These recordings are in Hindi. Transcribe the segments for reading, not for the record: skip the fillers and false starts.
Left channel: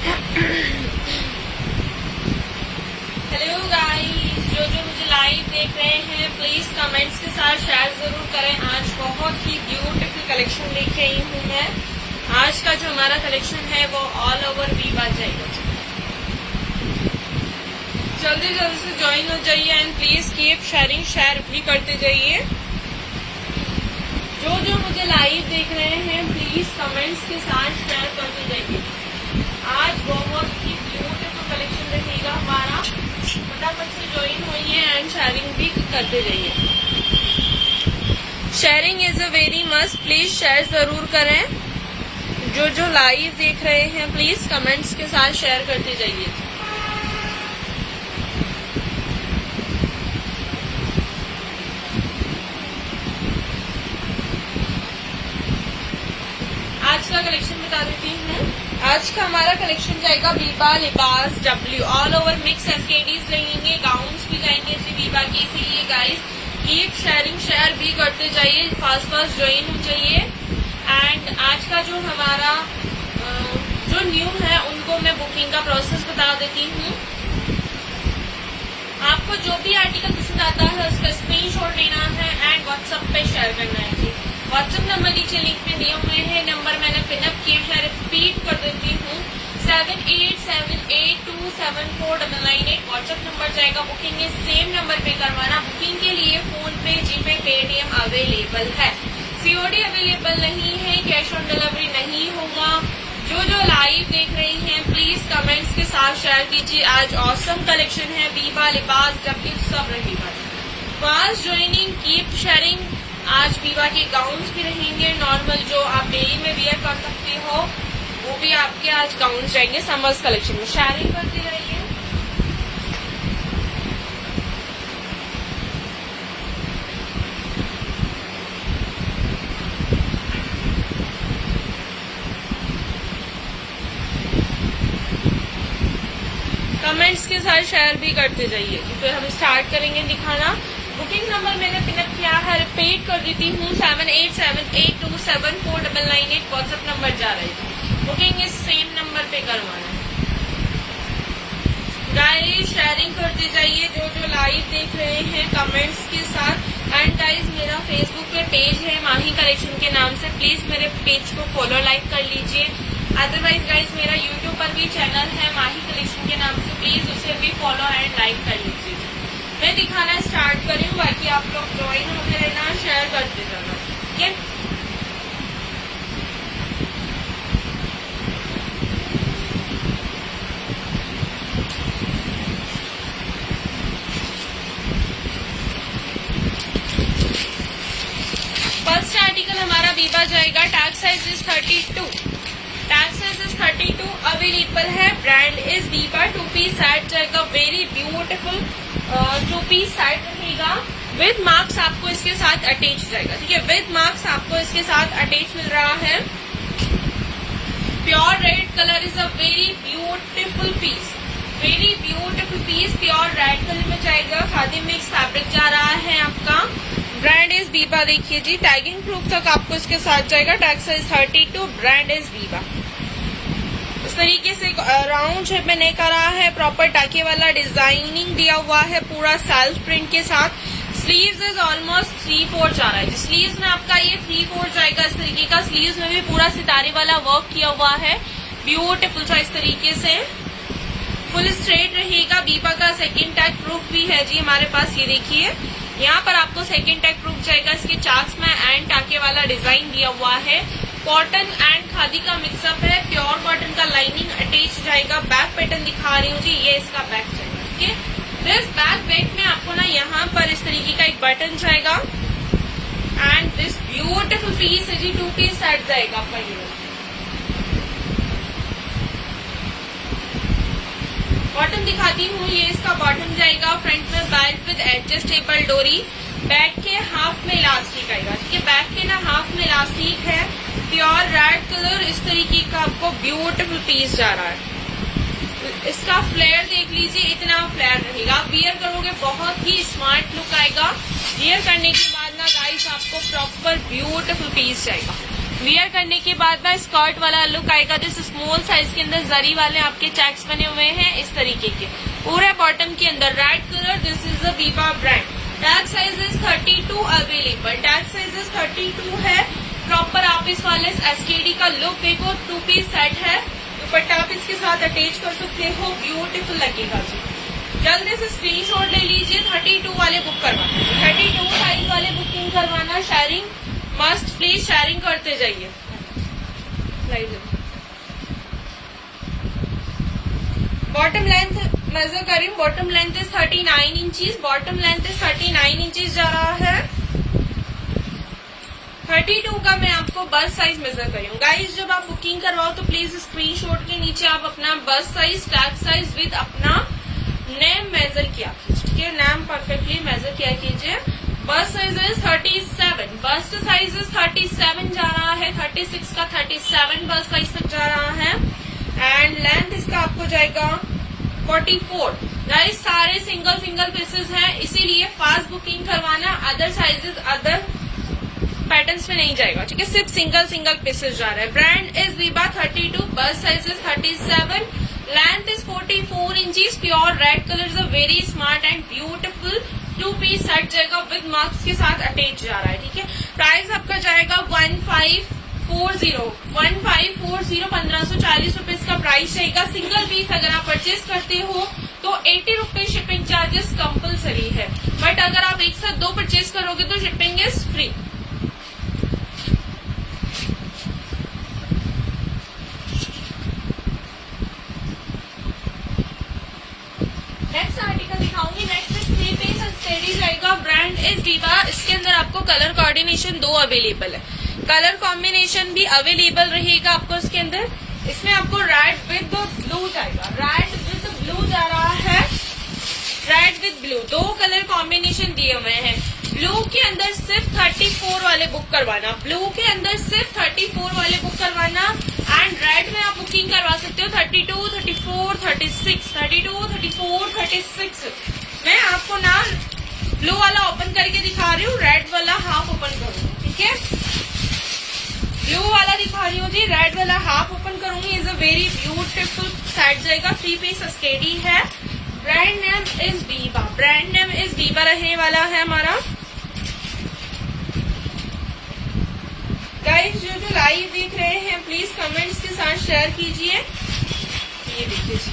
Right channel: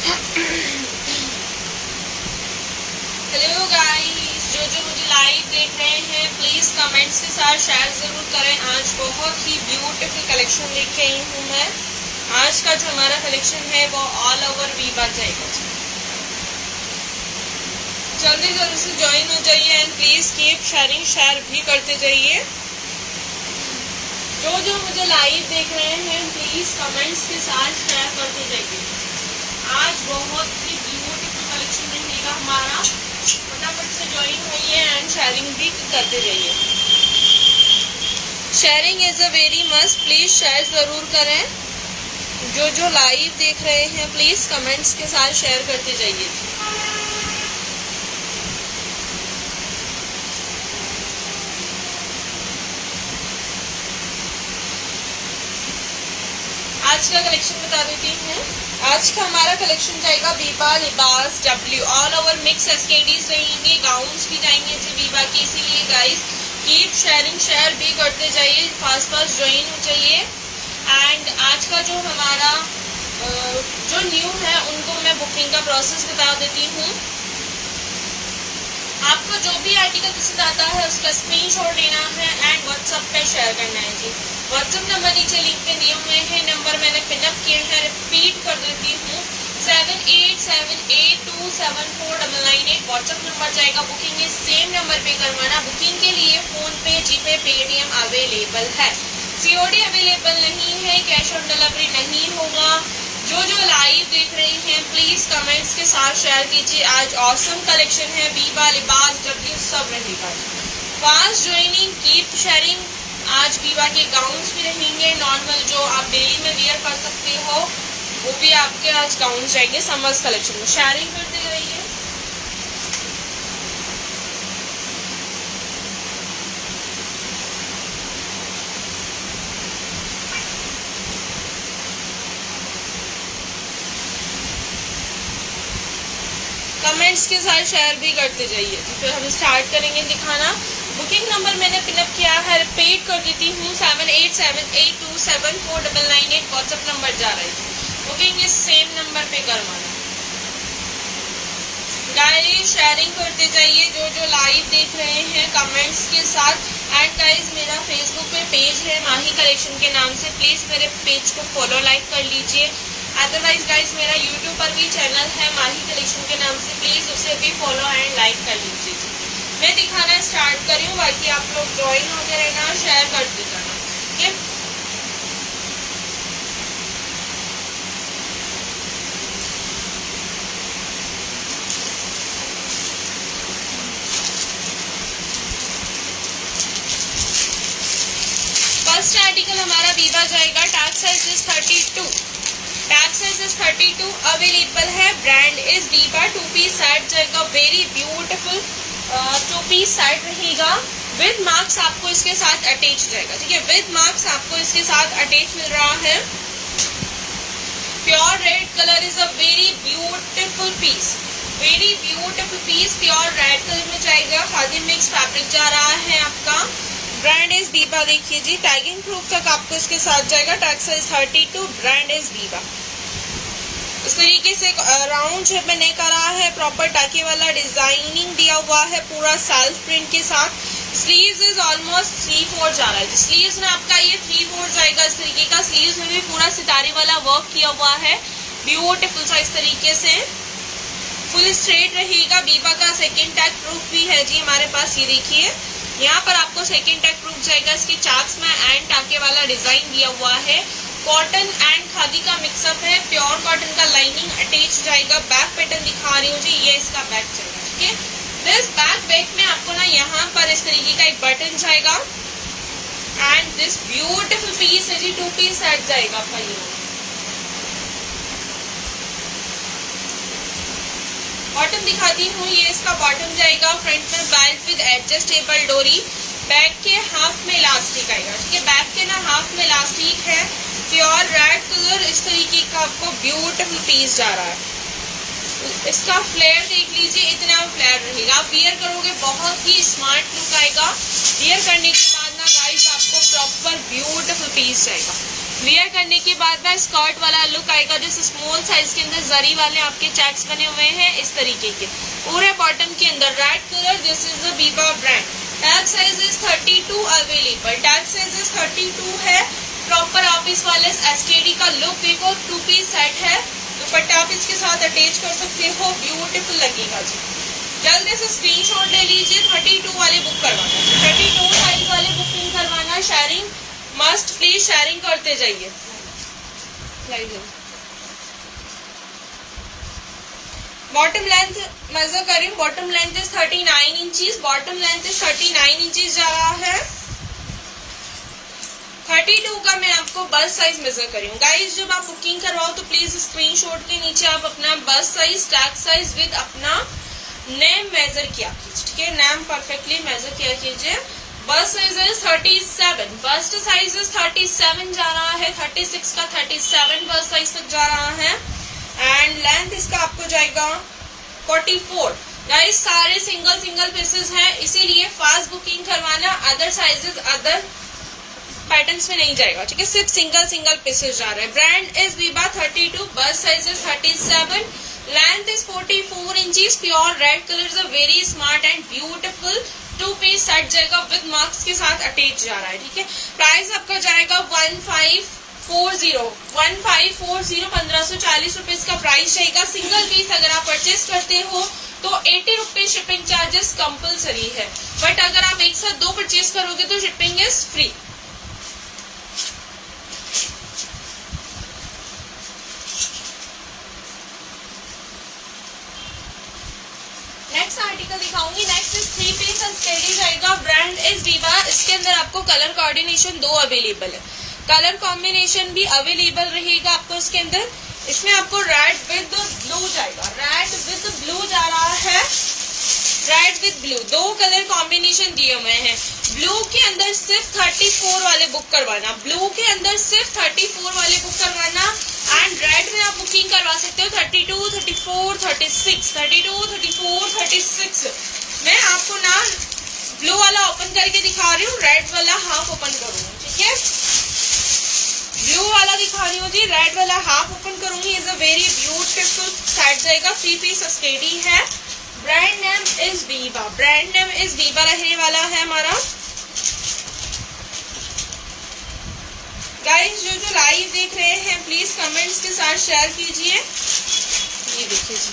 हेलो गाइस, जो मुझे लाइव देख रहे हैं प्लीज कमेंट्स के साथ शेयर जरूर करें। आज बहुत ही ब्यूटीफुल कलेक्शन लेके आई हूँ मैं। आज का जो हमारा कलेक्शन है वो ऑल ओवर वीवा जाएगा। जल्दी जल्दी से ज्वाइन हो जाइए and please keep sharing, share भी करते जाइए। जो मुझे लाइव देख रहे हैं प्लीज कमेंट्स के साथ शेयर करते जाइए। आज बहुत ही ब्यूटीफुल कलेक्शन रहेगा हमारा। फटाफट से ज्वाइन होइए एंड शेयरिंग भी करते जाइए। Sharing is a very must, please share जरूर करें। जो लाइव देख रहे हैं प्लीज कमेंट्स के साथ शेयर करते जाइए। आज का कलेक्शन बता देती हूँ। आज का हमारा कलेक्शन जाएगा वीवा लिबास डब्ल्यू, ऑल ओवर मिक्स एसकेडीज रहेंगे, गाउन्स भी जाएंगे जी वीवा के। इसीलिए गाइस कीप शेयरिंग, शेयर भी करते जाइए, फास्ट फास्ट ज्वाइन हो जाइए। एंड आज का जो हमारा जो न्यू है उनको मैं बुकिंग का प्रोसेस बता देती हूँ। आपको जो भी आर्टिकल पसंद आता है उसका स्क्रीनशॉट लेना है एंड व्हाट्सएप पे शेयर करना है जी। व्हाट्सएप नंबर नीचे लिंक में दिए हुए हैं, नंबर मैंने पिनअप किए हैं, रिपीट कर देती हूँ 7878274998 व्हाट्सएप नंबर जाएगा। बुकिंग इस सेम नंबर पे करवाना। बुकिंग के लिए फोन पे, जीपे, पेटीएम अवेलेबल है। सीओडी अवेलेबल नहीं है, कैश ऑन डिलीवरी नहीं होगा। जो लाइव देख रही हैं प्लीज कमेंट्स के साथ शेयर कीजिए। आज ऑसम कलेक्शन है, वीवा लिबास डब्ल्यू सब रहेगा। Fast joining, keep sharing. आज वीवा के गाउन्स भी रहेंगे, नॉर्मल जो आप डेली में वियर कर सकती हो वो भी आपके आज गाउन्स रहेंगे समर्स कलेक्शन में। शेयरिंग करते रहिए। कमेंट्स के साथ शेयर भी करते जाइए। फिर हम स्टार्ट करेंगे दिखाना। बुकिंग नंबर मैंने पिनअप किया है, रिपीट कर देती हूँ 7878274998 व्हाट्सएप नंबर जा रही है। बुकिंग इस सेम नंबर पे करवाना। गाइस शेयरिंग करते जाइए जो लाइव देख रहे हैं कमेंट्स के साथ। एंड गाइस मेरा फेसबुक पे पेज है माही कलेक्शन के नाम से, प्लीज मेरे पेज को फॉलो लाइक कर लीजिए। अदरवाइज गाइस मेरा यूट्यूब पर भी चैनल है माही कलेक्शन के नाम से, प्लीज उसे भी फॉलो एंड लाइक कर लीजिए। मैं दिखाना स्टार्ट करूँ, बाकी आप लोग ज्वाइन होते रहना, शेयर करते जाना, ठीक है। फर्स्ट आर्टिकल हमारा वीवा जाएगा। Tag size is 32, tag size is 32 available है। Brand is Biba. 2 piece set जाएगा, वेरी ब्यूटीफुल 2 पीस सेट रहेगा। विद मार्क्स आपको इसके साथ अटैच जाएगा, ठीक है। विद मार्क्स आपको इसके साथ अटैच मिल रहा है। Pure red colour is a very beautiful piece, very beautiful piece pure red colour में जाएगा। खादी मिक्स फैब्रिक जा रहा है आपका। Brand is Viva. देखिए जी टैगिंग प्रूफ तक आपको इसके साथ जाएगा। Tag size 32, brand is Viva. इस तरीके से राउंड शेप में नेक आ रहा है, प्रॉपर टाके वाला डिजाइनिंग दिया हुआ है पूरा सेल्फ प्रिंट के साथ। स्लीव्स इज ऑलमोस्ट 3/4 जा रहा है। स्लीव्स में आपका ये 3/4 जाएगा इस तरीके का। स्लीव्स में भी पूरा सितारे वाला वर्क किया हुआ है, ब्यूटीफुल सा इस तरीके से। फुल स्ट्रेट रहेगा। वीवा का सेकंड टैग प्रूफ भी है जी हमारे पास। ये देखिए यहाँ पर आपको सेकंड टैग प्रूफ जाएगा। इसके चाक्स में एंड टाके वाला डिजाइन दिया हुआ है। कॉटन एंड खादी का मिक्सअप है। प्योर कॉटन का लाइनिंग अटैच जाएगा। बैक पैटर्न दिखा रही हूँ जी, ये इसका बैक जाएगा, ठीक है। दिस बैक में आपको ना यहाँ पर इस तरीके का एक बटन जाएगा एंड दिस ब्यूटीफुल पीस है जी। 2 पीस सेट जाएगा आपका। ये बॉटम दिखाती हूँ, ये इसका बॉटम जाएगा। फ्रंट में बेल्ट विद एडजस्टेबल डोरी। बैक के हाफ में इलास्टिक आएगा, ठीक है। बैक के ना हाफ में इलास्टिक है। प्योर रेड कलर इस तरीके का आपको ब्यूटीफुल पीस जा रहा है। इसका फ्लेयर देख लीजिए, इतना फ्लेयर रहेगा। आप वियर करोगे बहुत ही स्मार्ट लुक आएगा। वियर करने के बाद ना गाइस आपको प्रॉपर ब्यूटीफुल पीस जाएगा। वियर करने के बाद में स्कर्ट वाला लुक आएगा। दिस स्मॉल साइज के अंदर जरी वाले आपके चेक्स बने हुए हैं इस तरीके के पूरे बॉटम के अंदर red colour. This is the Biba brand. Tag size is 32 available. Tag size is 32 है। प्रॉपर आप इस वाले एसकेडी का लुक देखो, 2 पीस सेट है। दुपट्टा आप इसके साथ अटैच कर सकते हो, ब्यूटीफुल लगेगा जी। जल्दी से स्क्रीनशॉट ले लीजिए। 32 वाले बुक करवाना, 32 साइज वाले बुकिंग करवाना। शेयरिंग मस्ट, प्लीज शेयरिंग करते जाइए। बॉटम लेंथ मेजर करी, bottom length is 39 inches. Bottom length is 39 inches जा रहा है। 32 का मैं आपको बस्ट साइज मेजर करी हूँ। गाइस जब आप बुकिंग करवाओ तो प्लीज स्क्रीनशॉट के नीचे आप अपना bust size, tag size with अपना नेम मेजर किया कीजिए, ठीक है। नेम परफेक्टली मेजर किया कीजिए। Bust size is 37, bust size is 37 जा रहा है। 36 का 37 बस्ट साइज तक जा रहा है। एंड लेंथ इसका आपको जाएगा 44। गाइस सारे सिंगल पीसेस हैं, इसीलिए फास्ट बुकिंग करवाना। अदर साइजेस अदर पैटर्न्स में नहीं जाएगा, ठीक है। सिर्फ सिंगल पीसेस जा रहा है। Brand is Biba 32, bust size is 37, length is 44 inches. Pure red colour is a very smart and beautiful 2 piece set जाएगा विद मार्क्स के साथ अटैच जा रहा है, ठीक है। प्राइस आपका जाएगा 1540, 1540 रुपीज का प्राइस रहेगा। सिंगल पीस अगर आप परचेज करते हो तो 80 रुपीज शिपिंग चार्जेस कंपलसरी है, बट अगर आप एक साथ 2 परचेज करोगे तो shipping is free. Next article दिखाऊंगी। नेक्स्ट इज 3 पीस स्टेडी जाएगा। Brand is Biba. इसके अंदर आपको कलर कोऑर्डिनेशन 2 अवेलेबल है। कलर कॉम्बिनेशन भी अवेलेबल रहेगा आपको इसके अंदर। इसमें आपको रेड विद ब्लू जाएगा। रेड विद ब्लू जा रहा है। Red with blue 2 colour combination दिए हुए हैं। ब्लू के अंदर सिर्फ 34 वाले बुक करवाना। ब्लू के अंदर सिर्फ 34 वाले बुक करवाना। एंड रेड में आप बुकिंग करवा सकते हो 32, 34, 36, 32, 34, 36। मैं आपको ना ब्लू वाला ओपन करके दिखा रही हूँ, रेड वाला हाफ ओपन करूंगी, ठीक है। ब्लू वाला दिखा रही हूँ जी, रेड वाला हाफ ओपन करूंगी। Is a very beautiful set जाएगा। 3 पीस स्टेडी है। Brand name is Biba. Brand name is Biba रहने वाला है हमारा। गाइस जो लाइव देख रहे हैं प्लीज कमेंट्स के साथ शेयर कीजिए। ये देखिए जी,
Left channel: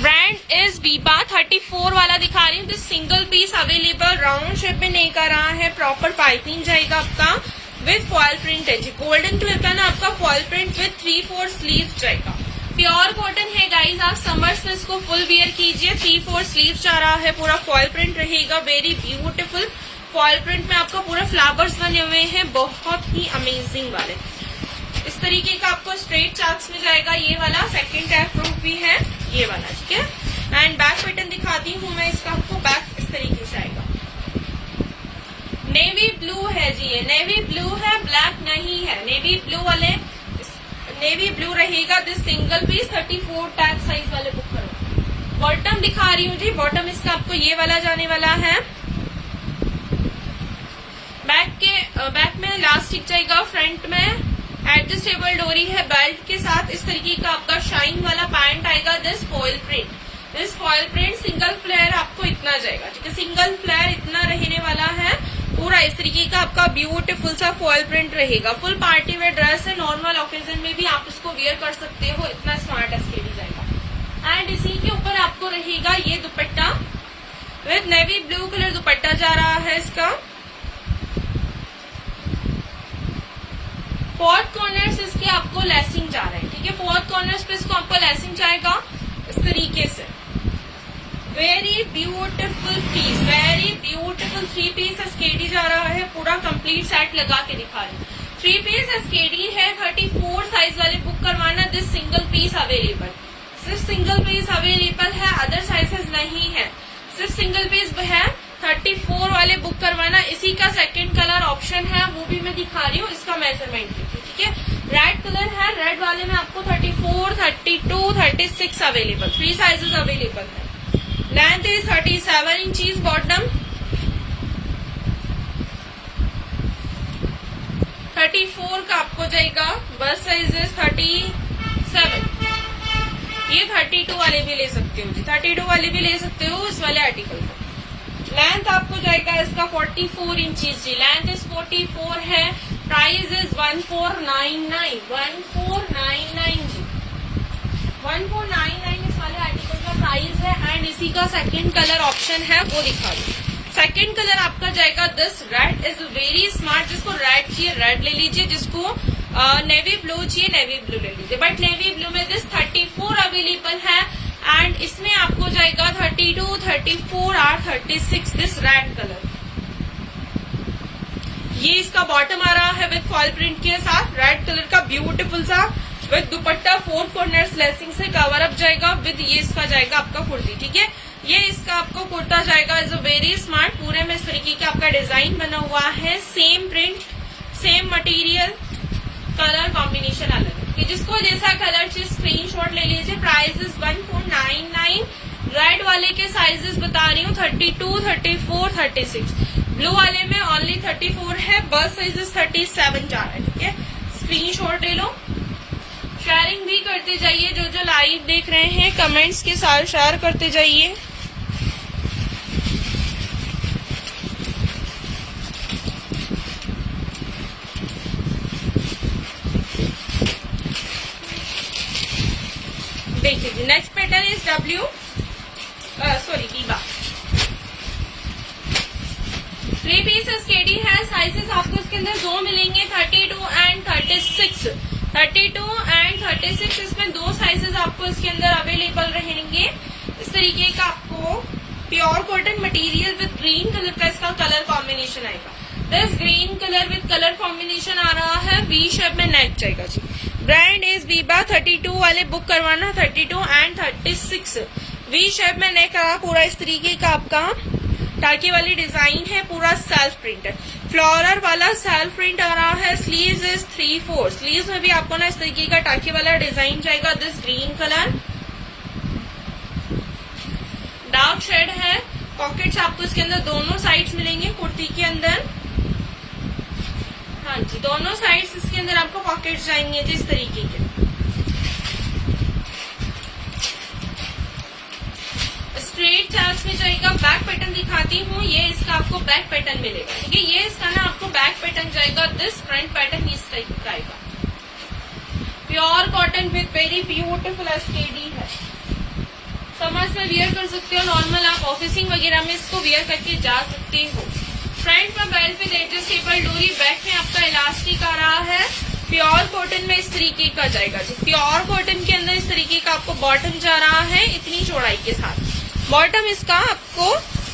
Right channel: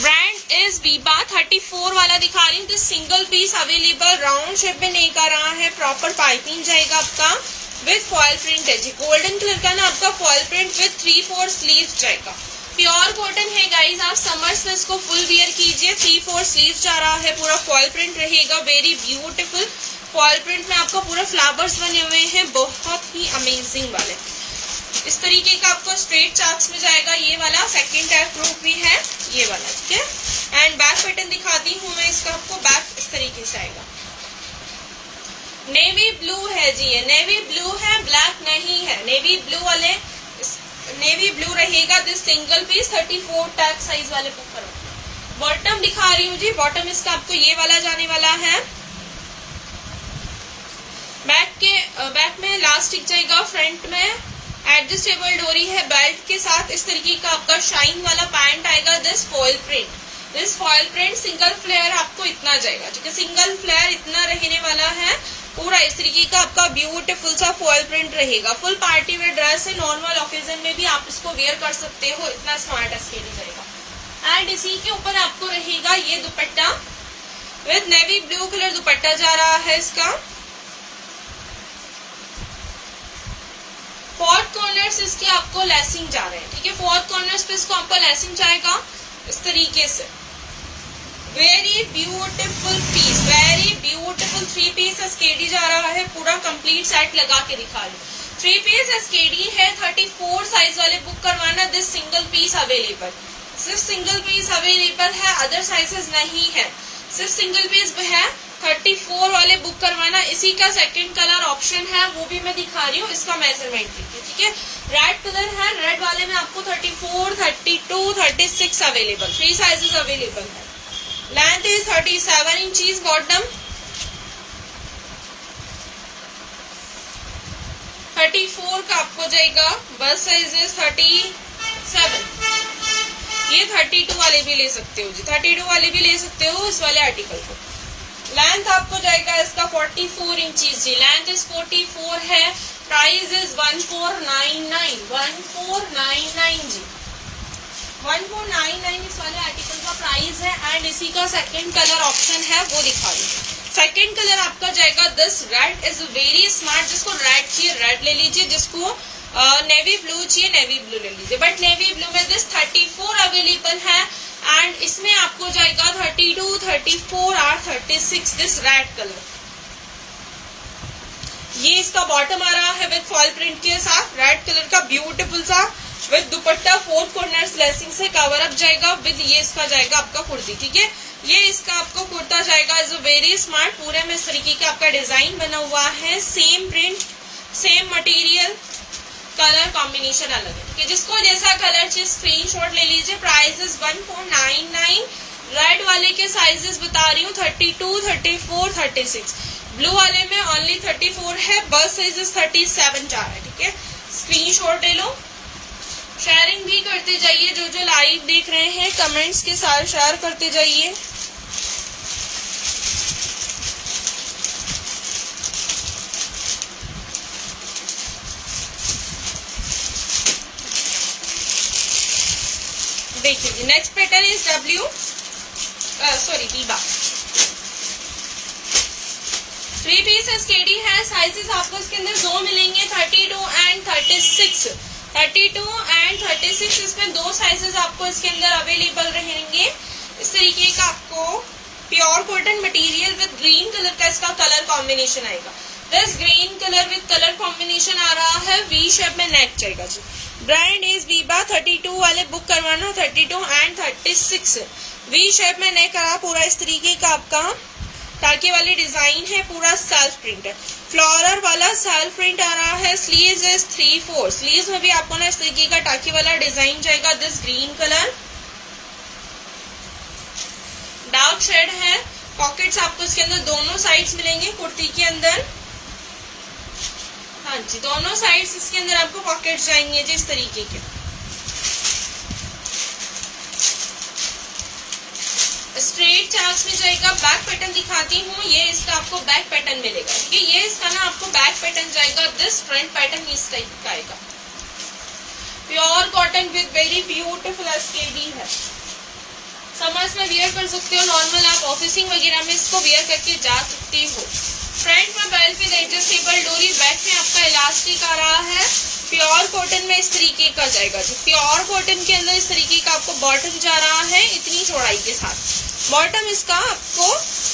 ब्रांड इज बीबा 34 वाला दिखा रही हूँ। Single piece available. Round shape में नहीं कर रहा है, प्रॉपर पाइपिंग जाएगा आपका विद फॉल प्रिंट है जी। गोल्डन कलर का ना आपका फॉल प्रिंट विद 3/4 स्लीव जाएगा। प्योर कॉटन है गाइस, आप समर्स में इसको फुल वियर कीजिए। 3/4 स्लीव जा रहा है, पूरा फॉल प्रिंट रहेगा। वेरी ब्यूटीफुल फॉल प्रिंट में आपको पूरे फ्लावर्स बने हुए हैं, बहुत ही अमेजिंग वाले। इस तरीके का आपको स्ट्रेट चार्ट्स में जाएगा। ये वाला सेकंड टैग प्रूफ भी है, ये वाला, ठीक है। एंड बैक पैटर्न दिखाती हूँ मैं इसका आपको। बैक इस तरीके से आएगा। नेवी ब्लू है जी, ये नेवी ब्लू है, ब्लैक नहीं है। नेवी ब्लू वाले, नेवी ब्लू रहेगा। This single piece 34 tag size वाले बुक करो। बॉटम दिखा रही हूँ जी। बॉटम इसका आपको ये वाला जाने वाला है। बैक में इलास्टिक जाएगा। फ्रंट में एडजस्टेबल डोरी है बेल्ट के साथ। इस तरीके का आपका शाइन वाला पैंट आएगा। This foil print single flare आपको इतना जाएगा, ठीक है। सिंगल फ्लेयर इतना रहने वाला है। पूरा इस तरीके का आपका ब्यूटीफुल सा फॉइल प्रिंट रहेगा। फुल पार्टी वेयर ड्रेस है, नॉर्मल ओकेजन में भी आप इसको वेयर कर सकते हो। इतना स्मार्ट स्टेडी जाएगा। एंड इसी के ऊपर आपको रहेगा ये दुपट्टा विद नेवी ब्लू कलर दुपट्टा जा रहा है इसका। 4 कॉर्नर्स इसके आपको लेसिंग जा रहे हैं, ठीक है। 4 कॉर्नर्स पे इसको आपको लेसिंग जाएगा इस तरीके से। Very beautiful piece, very beautiful 3 piece SKD जा रहा है। पूरा कंप्लीट सेट लगा के दिखा रही हूँ। 3 पीस एसकेडी है। 34 साइज वाले बुक करवाना। This single piece available. सिर्फ सिंगल पीस अवेलेबल है, अदर साइजेस नहीं है। सिर्फ सिंगल पीस है। 34 वाले बुक करवाना। इसी का सेकंड कलर ऑप्शन है, वो भी मैं दिखा रही हूँ। इसका मेजरमेंट देखिए, ठीक है। रेड कलर है। रेड वाले में आपको 34, 32, 36 अवेलेबल। 3 साइजेस अवेलेबल है। Length is 37 inches. बॉटम 34 का आपको जाएगा, बस साइज है 37। ये 32 वाले भी ले सकते हो जी, 32 वाले भी ले सकते हो इस वाले आर्टिकल को। लेंथ आपको जाएगा इसका 44 इंचीज जी, लेंथ इज 44 है। प्राइस इज 1499, 1499 जी, 1499 इस वाले आर्टिकल का प्राइस है। एंड इसी का सेकंड कलर ऑप्शन है वो दिखा रही हूँ। सेकंड कलर आपका जाएगा this red is very smart. जिसको रेड चाहिए रेड ले लीजिए, जिसको नेवी ब्लू चाहिए नेवी ब्लू ले लीजिए। बट नेवी ब्लू में दिस 34 अवेलेबल है एंड इसमें आपको जाएगा 32, 34 और 36 दिस रेड कलर। ये इसका बॉटम आ रहा है विद फॉल प्रिंट के साथ, रेड कलर का ब्यूटीफुल सा विद दुपट्टा 4 कॉर्नर्स लेसिंग से कवर अप जाएगा विद ये इसका जाएगा आपका कुर्ती। ठीक है, ये इसका आपको कुर्ता जाएगा इज अ वेरी स्मार्ट। पूरे में इस तरीके का आपका डिजाइन बना हुआ है, same print same material, colour combination अलग है। तो जिसको जैसा कलर चाहिए स्क्रीनशॉट ले लीजिए। Price is 1499। रेड वाले के साइजेस बता रही हूँ 32, 34, 36। ब्लू वाले में ओनली 34 है, बस साइज 37 जा रहा है। ठीक है, स्क्रीनशॉट ले लो। शेयरिंग भी करते जाइए, जो लाइव देख रहे हैं कमेंट्स के साथ शेयर करते जाइए। देखिए next pattern is Biba. 3 pieces KD है। साइजेस आपको इसके अंदर 2 मिलेंगे, 32 एंड 36। 32 एंड 36 इसमें 2 साइजेस आपको इसके अंदर अवेलेबल रहेंगे। इस तरीके का आपको pure cotton material with green colour का इसका कलर कॉम्बिनेशन आएगा। This green colour with colour combination आ रहा है, वी शेप में नेक जाएगा जी। Brand is Biba. 32 वाले बुक करवाना, 32 एंड 36 वी शेप में नेक आ रहा, पूरा इस तरीके का आपका टाके वाली डिजाइन है, पूरा सेल्फ प्रिंट है, फ्लोरल वाला सेल्फ प्रिंट आ रहा है। स्लीव्स इज 3/4, स्लीव्स में भी आपको ना इस तरीके का टाके वाला डिजाइन जाएगा। This green colour dark shade है। पॉकेट्स आपको इसके अंदर दोनों साइड्स मिलेंगे कुर्ती के अंदर। हाँ जी, दोनों साइड्स इसके अंदर आपको पॉकेट्स जाएंगे जी इस तरीके के। स्ट्रेट चार्ज में जाएगा। बैक पैटर्न दिखाती हूँ, ये इसका आपको बैक पैटर्न मिलेगा। ठीक है, ये इसका ना आपको बैक पैटर्न जाएगा। दिस फ्रंट पैटर्न इस टाइप का आएगा। Pure cotton with very beautiful SKD है। समर्स में वियर कर सकते हो, नॉर्मल आप ऑफिसिंग वगैरह में इसको वियर करके जा सकते हो। फ्रंट में बेल्ट विद एडजस्टेबल डोरी, बैक में आपका इलास्टिक आ रहा है। प्योर कॉटन में इस तरीके का जाएगा जी। प्योर कॉटन के अंदर इस तरीके का आपको बॉटम जा रहा है इतनी चौड़ाई के साथ। बॉटम इसका आपको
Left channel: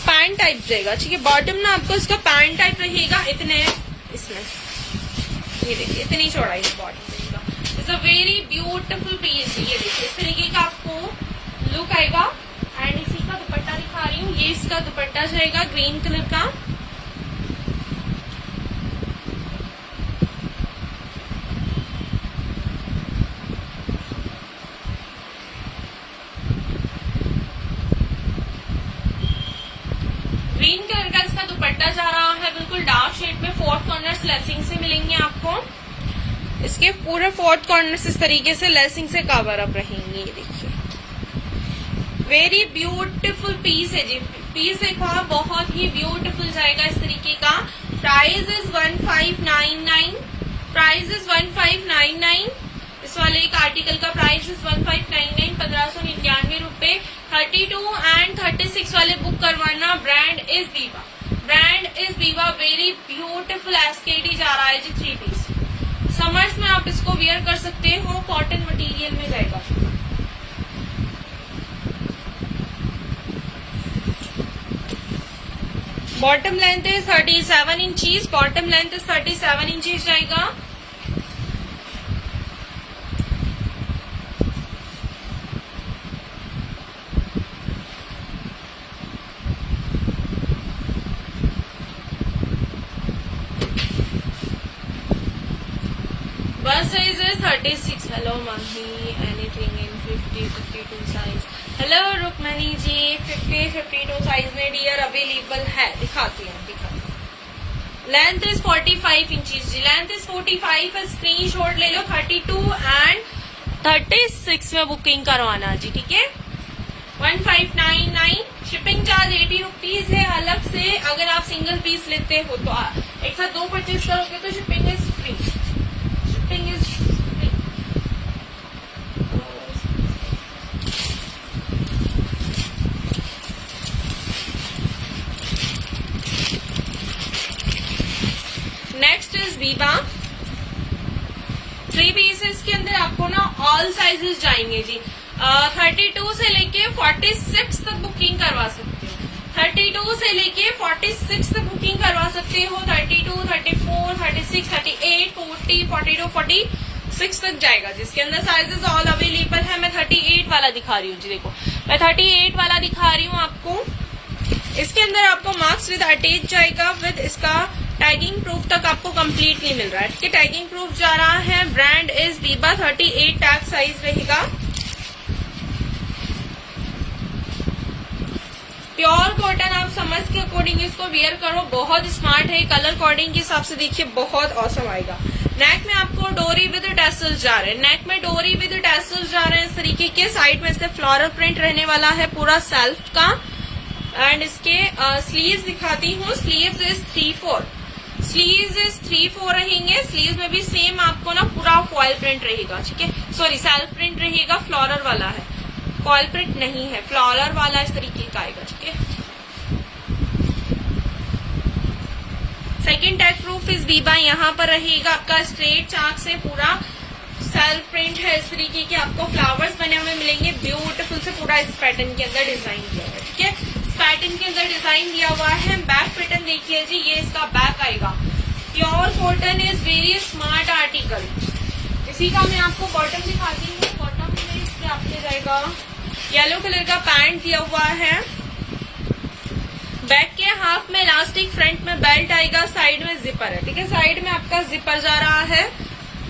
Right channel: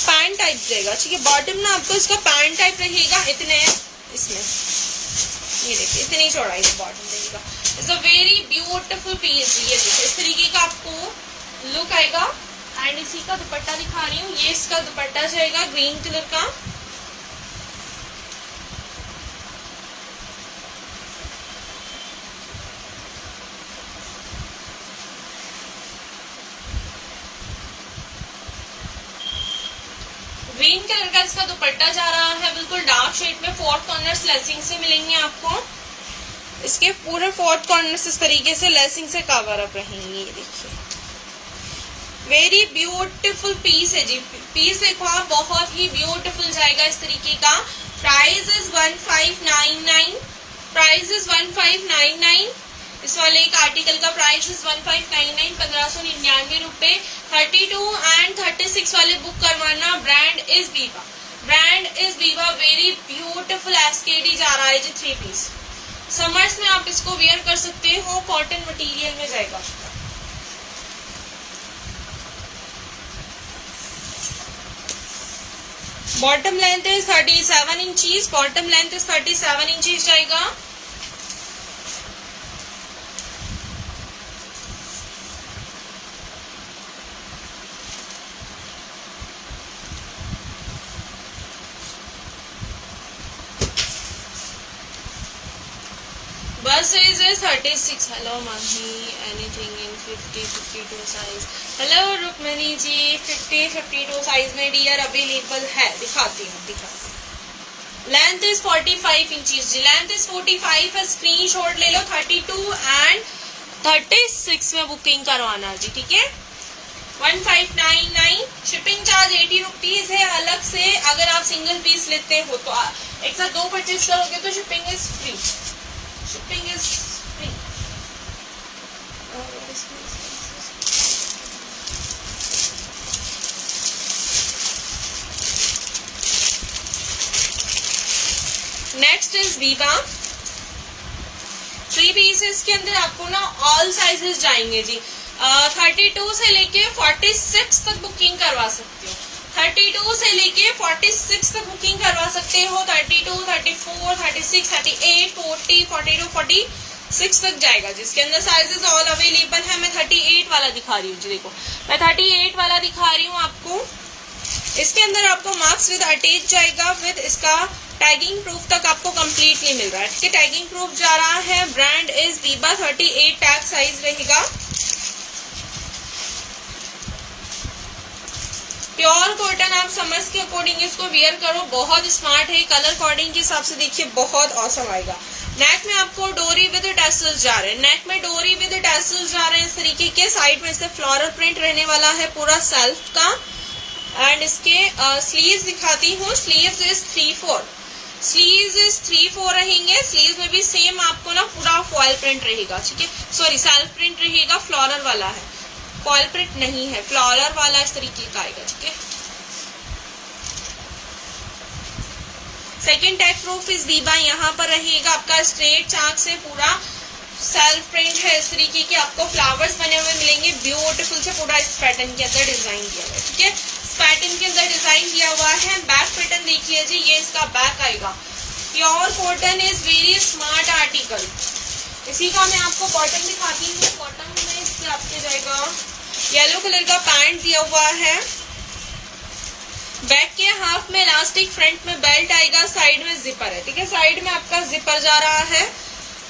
पैंट टाइप जाएगा। ठीक है, बॉटम ना आपको इसका पैंट टाइप रहेगा इतने इसमें, ये देखिए इतनी चौड़ाई है बॉटम का। It's a very beautiful piece. ये देखिए इस तरीके का आपको लुक आएगा। एंड इसी का दुपट्टा दिखा रही हूँ, ये इसका दुपट्टा जाएगा ग्रीन कलर का। ग्रीन कलर का इसका दुपट्टा जा रहा है, बिल्कुल डार्क शेड में। 4 कॉर्नर्स लेसिंग से मिलेंगे आपको। इसके पूरे 4 कॉर्नर्स इस तरीके से लेसिंग से कवर अप रहेंगे। ये देखिए वेरी ब्यूटीफुल पीस है जी। पीस एक और बहुत ही ब्यूटीफुल जाएगा इस तरीके का। Price is 1599। Price is 1599। इस वाले एक आर्टिकल का प्राइस इज 1599, 1599 रुपए। 32 एंड 36 वाले बुक करवाना। Brand is Biba. Brand is Biba. Very beautiful SKD जा रहा है जी 3 पीस। समर्स में आप इसको वियर कर सकते हो, कॉटन मटेरियल में जाएगा। Bottom length is 37 inches. Bottom length is 37 inches जाएगा। Bust size is 36. Hello mummy, anything in 50, 52 size. Hello Rukmani ji, 50, 52 size में डियर अवेलेबल है। दिखाती हूँ लेंथ इज 45 इंचेस जी, लेंथ इज 45 है, स्क्रीनशॉट ले लो। 32 एंड 36 में बुकिंग करवाना जी, ठीक है। 1599, शिपिंग चार्ज 80 रुपीज है अलग से। अगर आप सिंगल पीस लेते हो तो एक साथ 2 परचेज करोगे तो shipping is free, shipping is free. Next is Biba 3 pieces के अंदर आपको ना ऑल साइजेस जाएंगे जी। 32 से लेके 46 तक बुकिंग करवा सकते हो, 32 से लेके 46 तक बुकिंग करवा सकते हो। 32, 34, 36, 38, 40, 42, 46 तक जाएगा जिसके अंदर साइजेस ऑल अवेलेबल है। मैं 38 वाला दिखा रही हूँ जी, देखो मैं 38 वाला दिखा रही हूँ आपको। इसके अंदर आपको मार्क्स विद अटैच जाएगा, विद इसका टैगिंग प्रूफ तक आपको कंप्लीटली मिल रहा है, ठीक है। टैगिंग प्रूफ जा रहा है, brand is Biba, 38 tag size रहेगा। प्योर कॉटन, आप समझ के अकॉर्डिंग इसको वेयर करो, बहुत स्मार्ट है। कलर कोडिंग के हिसाब से देखिए बहुत औसम आएगा। नेक में आपको डोरी विद टैसल्स जा रहे हैं, नेक में डोरी विद टैसल्स जा रहे हैं इस तरीके के। साइड में से फ्लोरल प्रिंट रहने वाला है पूरा सेल्फ का। एंड इसके स्लीव्स दिखाती हूँ, स्लीव्स इज 3/4, स्लीव्स इज 3/4 रहेंगे। स्लीव्स में भी सेम आपको ना पूरा फॉयल प्रिंट रहेगा, ठीक है, सॉरी सेल्फ प्रिंट रहेगा, फ्लोरल वाला है, फॉयल प्रिंट नहीं है, फ्लोरल वाला इस तरीके का आएगा, ठीक है। Second tag proof is Biba, यहाँ पर रहेगा आपका स्ट्रेट चाक से पूरा सेल्फ प्रिंट है इस तरीके के, आपको फ्लावर्स बने हुए मिलेंगे ब्यूटीफुल से, पूरा इस पैटर्न के अंदर डिजाइन दिया हुआ है, ठीक है। इस पैटर्न के अंदर डिजाइन दिया हुआ है। बैक पैटर्न देखिए जी, ये इसका बैक आएगा। Pure cotton is very smart article. इसी का मैं आपको बॉटम दिखाती हूँ। बॉटम में इसके आपके जाएगा येलो कलर का पैंट दिया हुआ है, बैक के हाफ में इलास्टिक, फ्रंट में बेल्ट आएगा, साइड में जिपर है, ठीक है, साइड में आपका जिपर जा रहा है।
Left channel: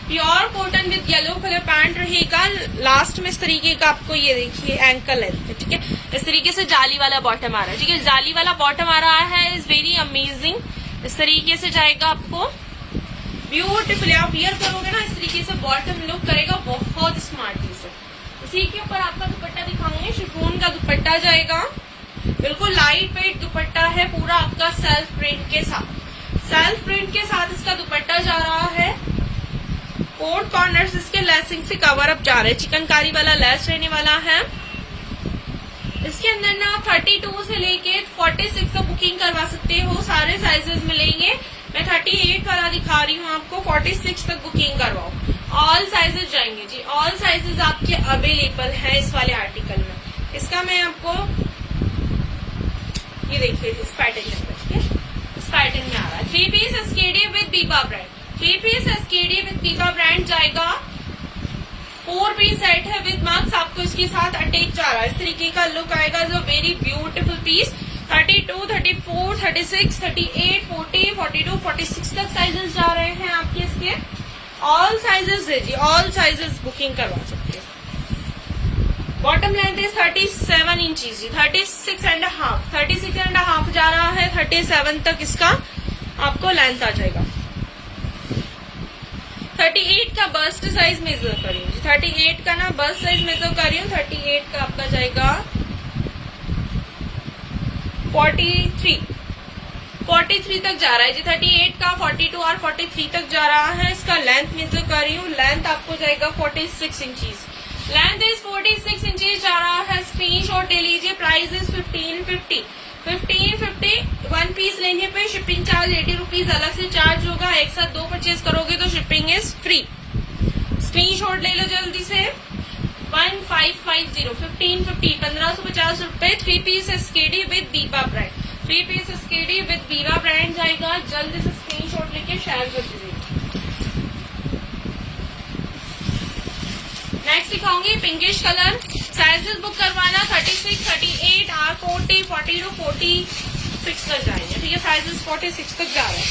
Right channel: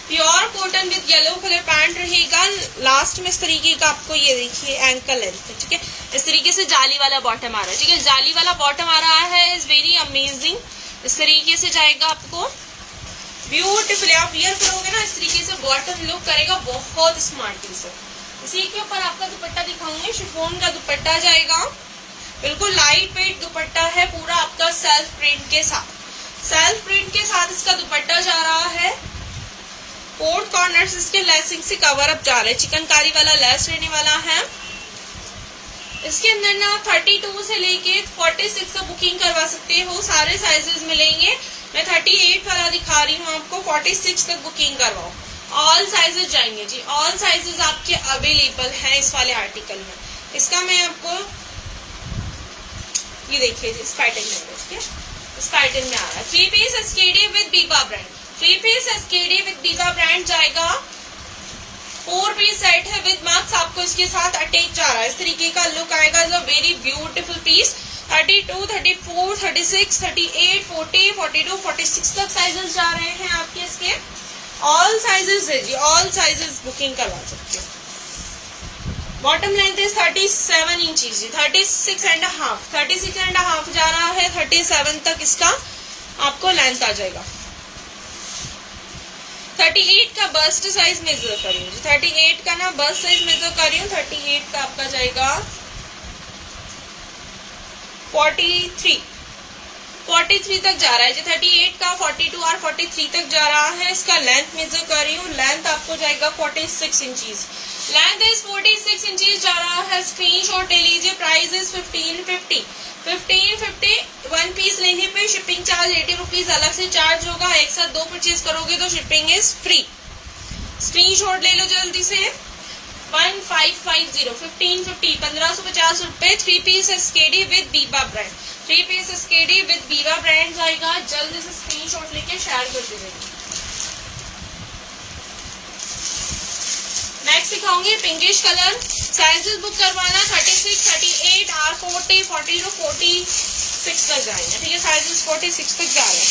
Pure cotton with yellow colour pant रहेगा। लास्ट में इस तरीके का आपको ये देखिए एंकल है, ठीक है, इस तरीके से जाली वाला बॉटम आ रहा है, ठीक है, जाली वाला बॉटम आ रहा है, इज वेरी अमेजिंग। इस तरीके से जाएगा आपको ब्यूटीफुल, आप वियर करोगे ना इस तरीके से बॉटम लुक करेगा, बहुत स्मार्ट पीस है। इसी के ऊपर आपका दुपट्टा दिखाऊंगी, शिफॉन का दुपट्टा जाएगा, बिल्कुल लाइट वेट दुपट्टा है, पूरा आपका सेल्फ प्रिंट के साथ, सेल्फ प्रिंट के साथ इसका दुपट्टा जा रहा है। 4 कॉर्नर्स इसके लेसिंग से कवर अप जा रहे हैं, चिकनकारी वाला लेस रहने वाला है। इसके अंदर ना 32 से लेके 46 तक बुकिंग करवा सकते हो, सारे साइजेस मिलेंगे। मैं 38 वाला दिखा रही हूँ आपको, 46 तक बुकिंग करवाओ, ऑल साइजेस जाएंगे जी, ऑल साइजेस आपके अवेलेबल है इस वाले आर्टिकल में। इसका मैं आपको ये देखिए इस पैटर्न में, ठीक है, इस पैटर्न में आ रहा है। 3 piece SKD with Biba brand, 3 piece SKD with Biba brand जाएगा। 4 पीस सेट है विद मार्क्स, आपको इसके साथ अटैच जा रहा है, इस तरीके का लुक आएगा। Is a very beautiful piece. 32, 34, 36, 38, 40, 42, 46 तक साइजेस जा रहे हैं आपके इसके। ऑल साइजेस है जी, ऑल साइजेस बुकिंग करवा सकते हो। बॉटम लेंथ इज 37 इंचेस जी, 36.5, 36.5 जा रहा है, 37 तक इसका आपको लेंथ आ जाएगा। 38 का बस्ट साइज मेजर कर रही हूँ, 38 का ना बस्ट साइज मेजर कर रही हूँ। 38 का आपका जाएगा 43 तक जा रहा है जी, 38 का 42 और 43 तक जा रहा है। इसका लेंथ मेजर कर रही हूँ, लेंथ आपको जाएगा 46 इंचेस, लेंथ इज 46 इंचेस जा रहा है। स्क्रीनशॉट ले लीजिए। Price is 1550, 1550। 1 पीस लेने पे शिपिंग चार्ज 80 रुपीज अलग से चार्ज होगा। एक साथ 2 परचेज करोगे तो शिपिंग इज फ्री। स्क्रीनशॉट ले लो जल्दी से। 1550, 1550, 1550 रुपए। 3 piece SKD with Biba brand, 3 piece SKD with Biba brand जाएगा। जल्दी से स्क्रीनशॉट लेके शेयर कर दीजिए। नेक्स्ट दिखाऊंगी पिंकिश कलर। साइजेस बुक करवाना 36, 38, R40, 40 to 46 तक जाएंगे, ठीक है। साइजेस 46 तक जा रहे हैं,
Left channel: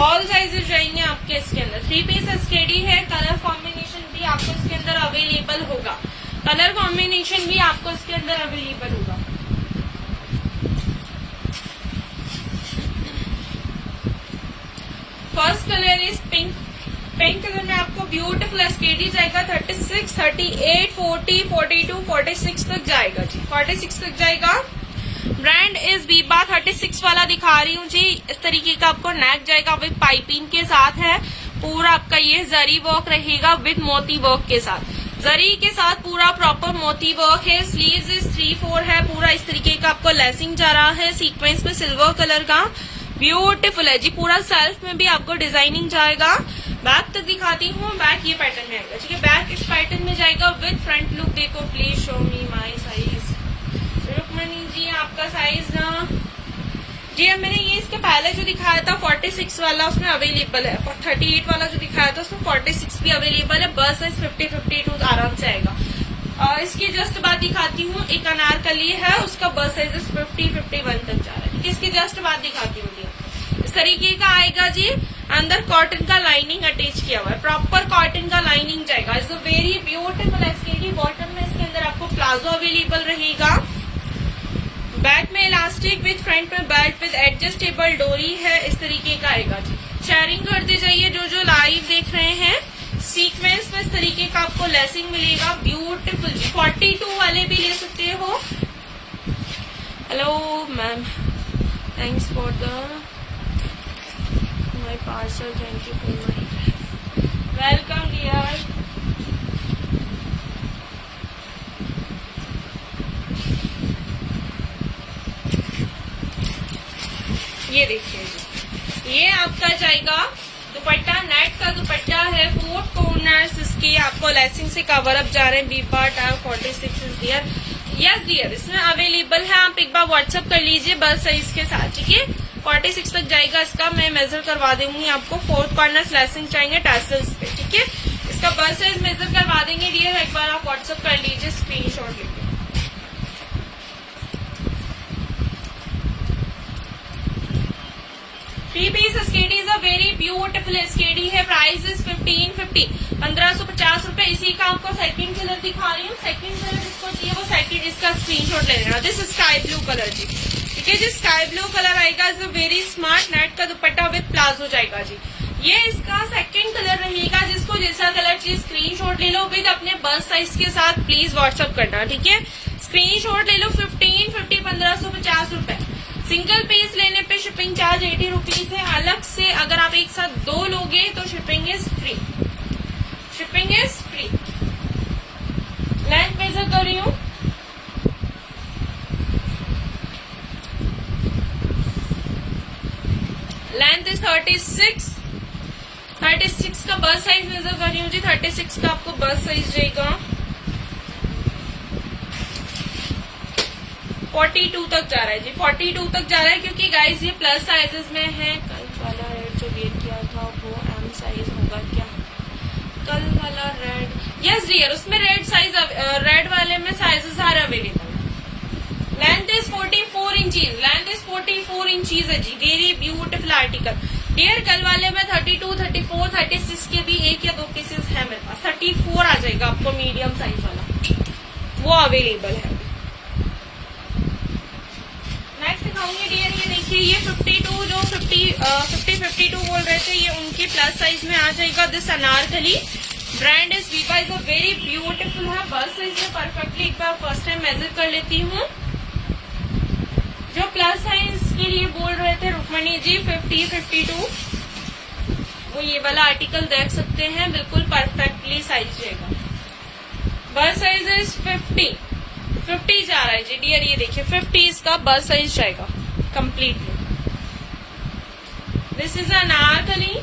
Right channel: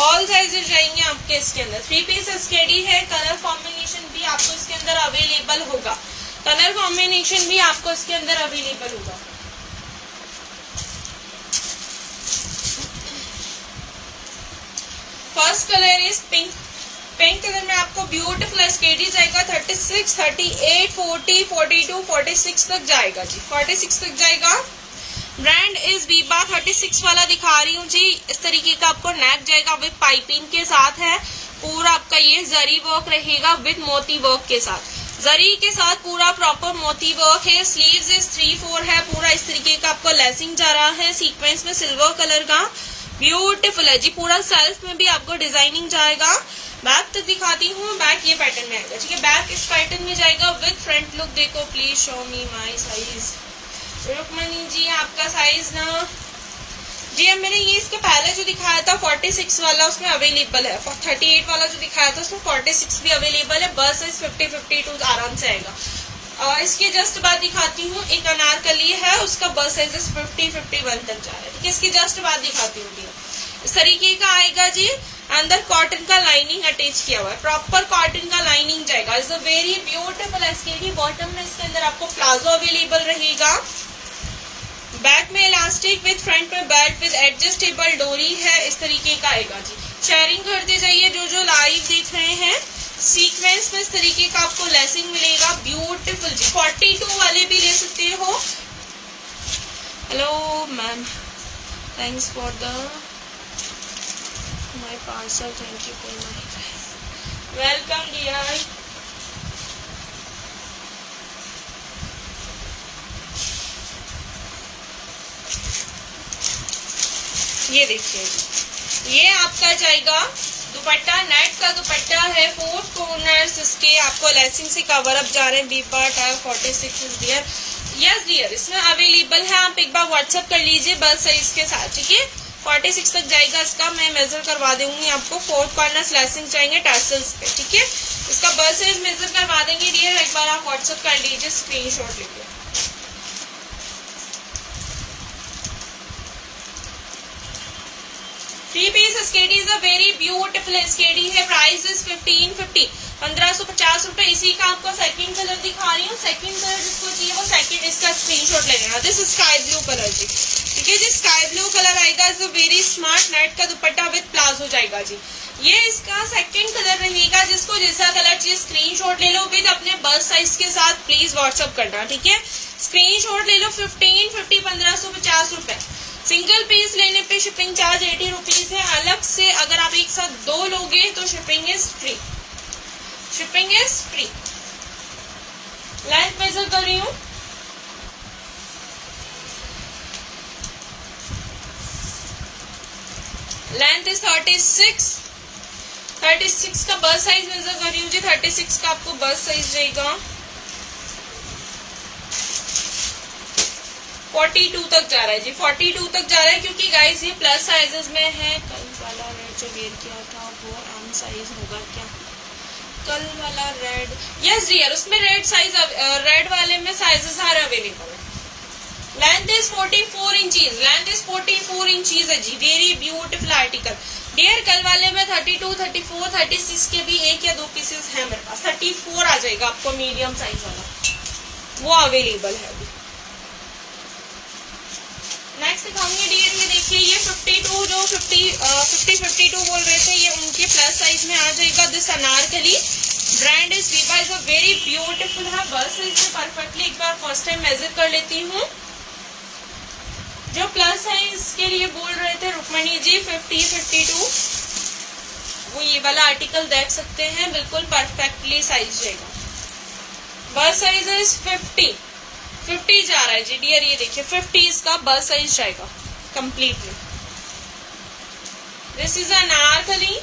ऑल साइजेस जाएंगे आपके इसके अंदर। 3 पीस एसकेडी है। कलर कॉम्बिनेशन भी आपको इसके अंदर अवेलेबल होगा, कलर कॉम्बिनेशन भी आपको इसके अंदर अवेलेबल होगा। First colour is pink. Pink colour में आपको ब्यूटीफुल स्केटी जाएगा 36, 38, 40, 42, 46 तक जाएगा जी, 46 तक जाएगा। Brand is Biba. 36 वाला दिखा रही हूँ जी। इस तरीके का आपको नेक जाएगा विद पाइपिंग के साथ है। पूरा आपका ये जरी वर्क रहेगा विद मोती वर्क के साथ, जरी के साथ पूरा प्रॉपर मोती वर्क है। स्लीव्स इज 3/4 है। पूरा इस तरीके का आपको लेसिंग जा रहा है सीक्वेंस में सिल्वर कलर का, ब्यूटीफुल है जी। पूरा सेल्फ में भी आपको डिजाइनिंग जाएगा। बैक तो दिखाती हूँ, बैक ये पैटर्न में आएगा ठीक है। बैक इस पैटर्न में जाएगा विद फ्रंट लुक। देखो please show me my size. Rukmini ji आपका साइज ना जी, अब मैंने ये इसके पहले जो दिखाया था 46 वाला उसमें अवेलेबल है। 38 वाला जो दिखाया था उसमें 46 भी अवेलेबल है। बस इस 50, 52 आराम से आएगा। और इसके जस्ट बाद दिखाती हूँ एक अनारकली है, उसका बस साइज 50, 51 तक जा रहा है ठीक है। इसकी जस्ट बाद दिखाती हूँ। इस तरीके का आएगा जी। अंदर कॉटन का लाइनिंग अटैच किया हुआ है, प्रॉपर कॉटन का लाइनिंग जाएगा। It's a very beautiful SKD. Bottom में इसके अंदर आपको प्लाजो अवेलेबल रहेगा। बैक में इलास्टिक विद फ्रंट में बेल्ट विद एडजस्टेबल डोरी है। इस तरीके का आएगा जी। शेयरिंग करते जाइए जो लाइव देख रहे हैं। सीक्वेंस में इस तरीके का आपको लेसिंग मिलेगा ब्यूटीफुल जी। 42 वाले भी ले सकते हो। Hello ma'am, thanks for the my parcel, thank you for my welcome dear. ये देखिए जी, ये आपका जाएगा दुपट्टा। नेट का दुपट्टा है, 4 कॉर्नर्स इसके आपको लेसिंग से कवर अप जा रहे हैं। Biba tag 46 is dear. Yes dear, इसमें अवेलेबल है। आप एक बार व्हाट्सएप कर लीजिए बस साइज के साथ ठीक है। 46 तक जाएगा इसका। मैं मेजर करवा दूंगी आपको। 4 कॉर्नर्स लेसिंग चाहिए टैसल्स पे ठीक है। इसका बस साइज मेजर करवा देंगे डियर। एक बार आप व्हाट्सएप कर लीजिए, स्क्रीनशॉट लेके। 3-piece SKD is a very beautiful SKD है। प्राइस इज 1550, 1550 रुपए। इसी का आपको सेकंड कलर दिखा रही हूँ। सेकंड कलर जिसको चाहिए वो सेकंड इसका स्क्रीनशॉट ले लेना। दिस स्काई ब्लू कलर जी ठीक है जी। स्काई ब्लू कलर आएगा। Is a very smart. Net का दुपट्टा विद प्लाजो जाएगा जी। ये इसका सेकंड कलर रहेगा। जिसको जैसा कलर चाहिए स्क्रीनशॉट ले लो विद अपने बस साइज के साथ। प्लीज व्हाट्सएप करना ठीक है। स्क्रीनशॉट ले लो। 1550, 1550 रुपए। सिंगल पीस लेने पे शिपिंग चार्ज 80 रुपीज है अलग से। अगर आप एक साथ 2 लोगे तो shipping is free. Shipping is free. Length major कर रही हूँ। Length is 36। 36 का बस साइज मेजर कर रही हूँ जी। 36 का आपको बस साइज रहेगा। 42 तक जा रहा है जी। 42 तक जा रहा है क्योंकि गाइस ये प्लस साइजेस में है। कल वाला रेड जो वेयर किया था वो एम साइज होगा क्या? कल वाला रेड, यस डियर, उसमें रेड साइज, रेड वाले में साइजेस सारे अवेलेबल है। Length is 44 inches. Length is 44 inches है जी। Very beautiful article dear. कल वाले में 32, 34, 36 के भी 1 या 2 पीसेस है मेरे पास। 34 आ जाएगा आपको मीडियम साइज वाला, वो अवेलेबल है। नेक्स्ट दिखाऊंगी डियर। ये देखिए, ये 52 जो 52 बोल रहे थे, ये उनके प्लस साइज में आ जाएगा। This anarkali. Brand is Biba. Is a very beautiful है। बस साइज में परफेक्टली एक बार फर्स्ट टाइम मेजर कर लेती हूँ। जो प्लस साइज के लिए बोल रहे थे रुक्मणी जी 50, 52, वो ये वाला आर्टिकल देख सकते हैं। बिल्कुल परफेक्टली साइज जाएगा। बस साइज इज 50 जा रहा है जी डियर। ये देखिए 50 इसका बस साइज जाएगा completely. This is anarkali.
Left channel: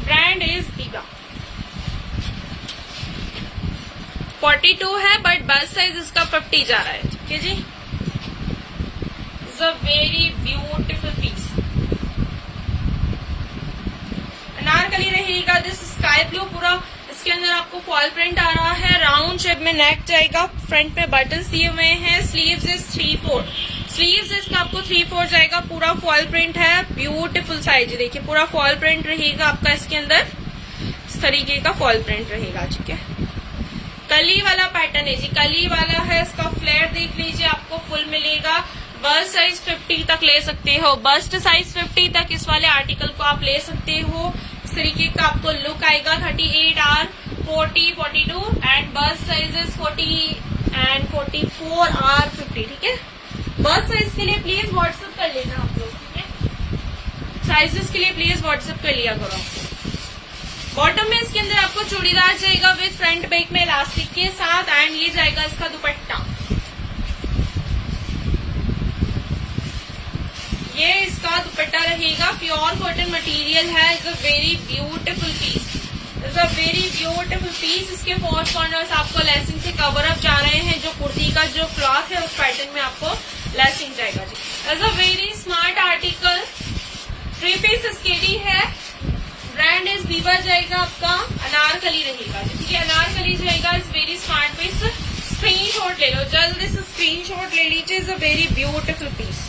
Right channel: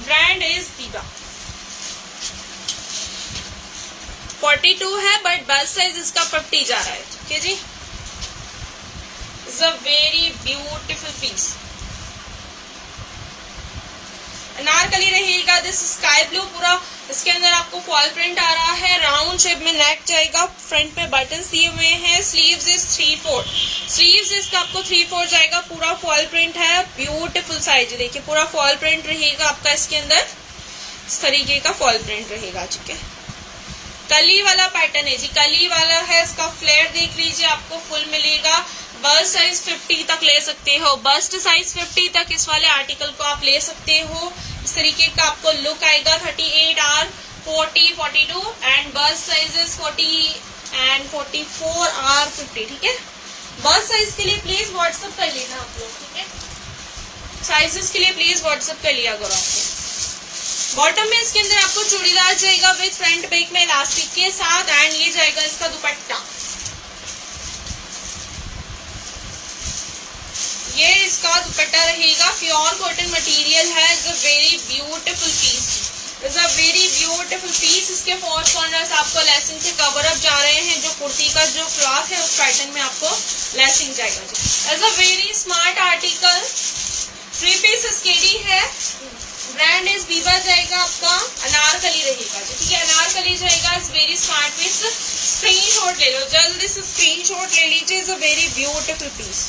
Brand is Biba. 42 है बट बस साइज इसका 50 जा रहा है ठीक है जी। Is a very beautiful piece. Anarkali रहेगा। This sky blue. पूरा इसके अंदर आपको फॉल प्रिंट आ रहा है। राउंड शेप में नेक जाएगा। फ्रंट पे बटन्स दिए हुए हैं। Sleeves is 3/4। स्लीव्स इसका आपको 3/4 जाएगा। पूरा फॉल प्रिंट है। ब्यूटीफुल साइज देखिए। पूरा फॉल प्रिंट रहेगा आपका इसके अंदर। इस तरीके का फॉल प्रिंट रहेगा ठीक है। कली वाला पैटर्न है जी। कली वाला है। इसका फ्लैट देख लीजिए, आपको फुल मिलेगा। बस्ट साइज 50 तक ले सकते हो, बस्ट साइज 50 तक इस वाले आर्टिकल को आप ले सकते हो। इस तरीके का आपको लुक आएगा। 38R, 40, 42 and bast sizes 40 and 44R 50। ठीक है, बस्ट साइज के लिए प्लीज व्हाट्सएप कर लेना आप लोग। ठीक है, साइजेस के लिए प्लीज व्हाट्सएप कर लिया करो आपको। बॉटम में इसके अंदर आपको चूड़ीदार जाएगा विद फ्रंट बैक में इलास्टिक के साथ एंड ये जाएगा इसका दुपट्टा। ये इसका दुपट्टा रहेगा, प्योर कॉटन मटेरियल है। It's a very beautiful piece, it's a very beautiful piece. इसके फोर कॉर्नर्स आपको लेसिंग से कवर अप जा रहे हैं। जो कुर्ती का जो क्लॉथ है उस पैटर्न में आपको लेसिंग जाएगा। It's a very smart article. 3 piece SKD है। ब्रांड इज बीबा जाएगा आपका, अनारकली रहेगा। ठीक है, अनारकली जाएगा। इस वेरी स्मार्ट पीस, स्क्रीनशॉट ले लो जल्दी से, स्क्रीनशॉट ले लीजिए। Is a very beautiful piece.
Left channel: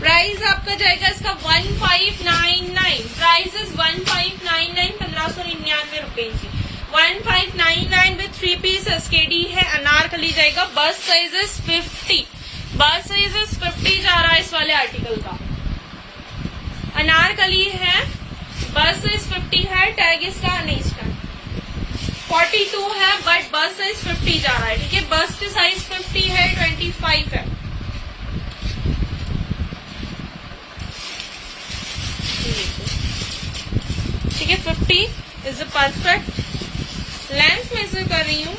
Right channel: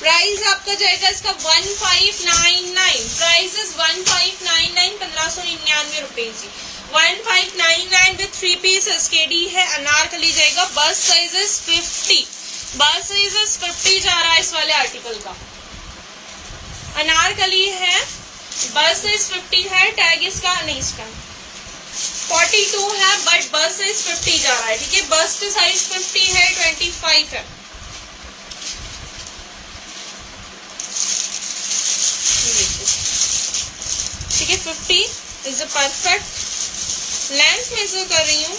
Price आपका जाएगा इसका 1599। प्राइस इज 1599, 1599 रुपए जी। 1599 विद 3 पीस एसकेडी है। अनारकली जाएगा। बस साइज इज 50, बस साइज इज 50 जा रहा है इस वाले आर्टिकल का। अनारकली है, बस साइज 50 है। टैग इसका नहीं, इसका 42 है बट बस साइज 50 जा रहा है। ठीक है, बस्ट साइज 50 है, 25 है। ठीक है, 50 is a perfect. Length major कर रही हूँ,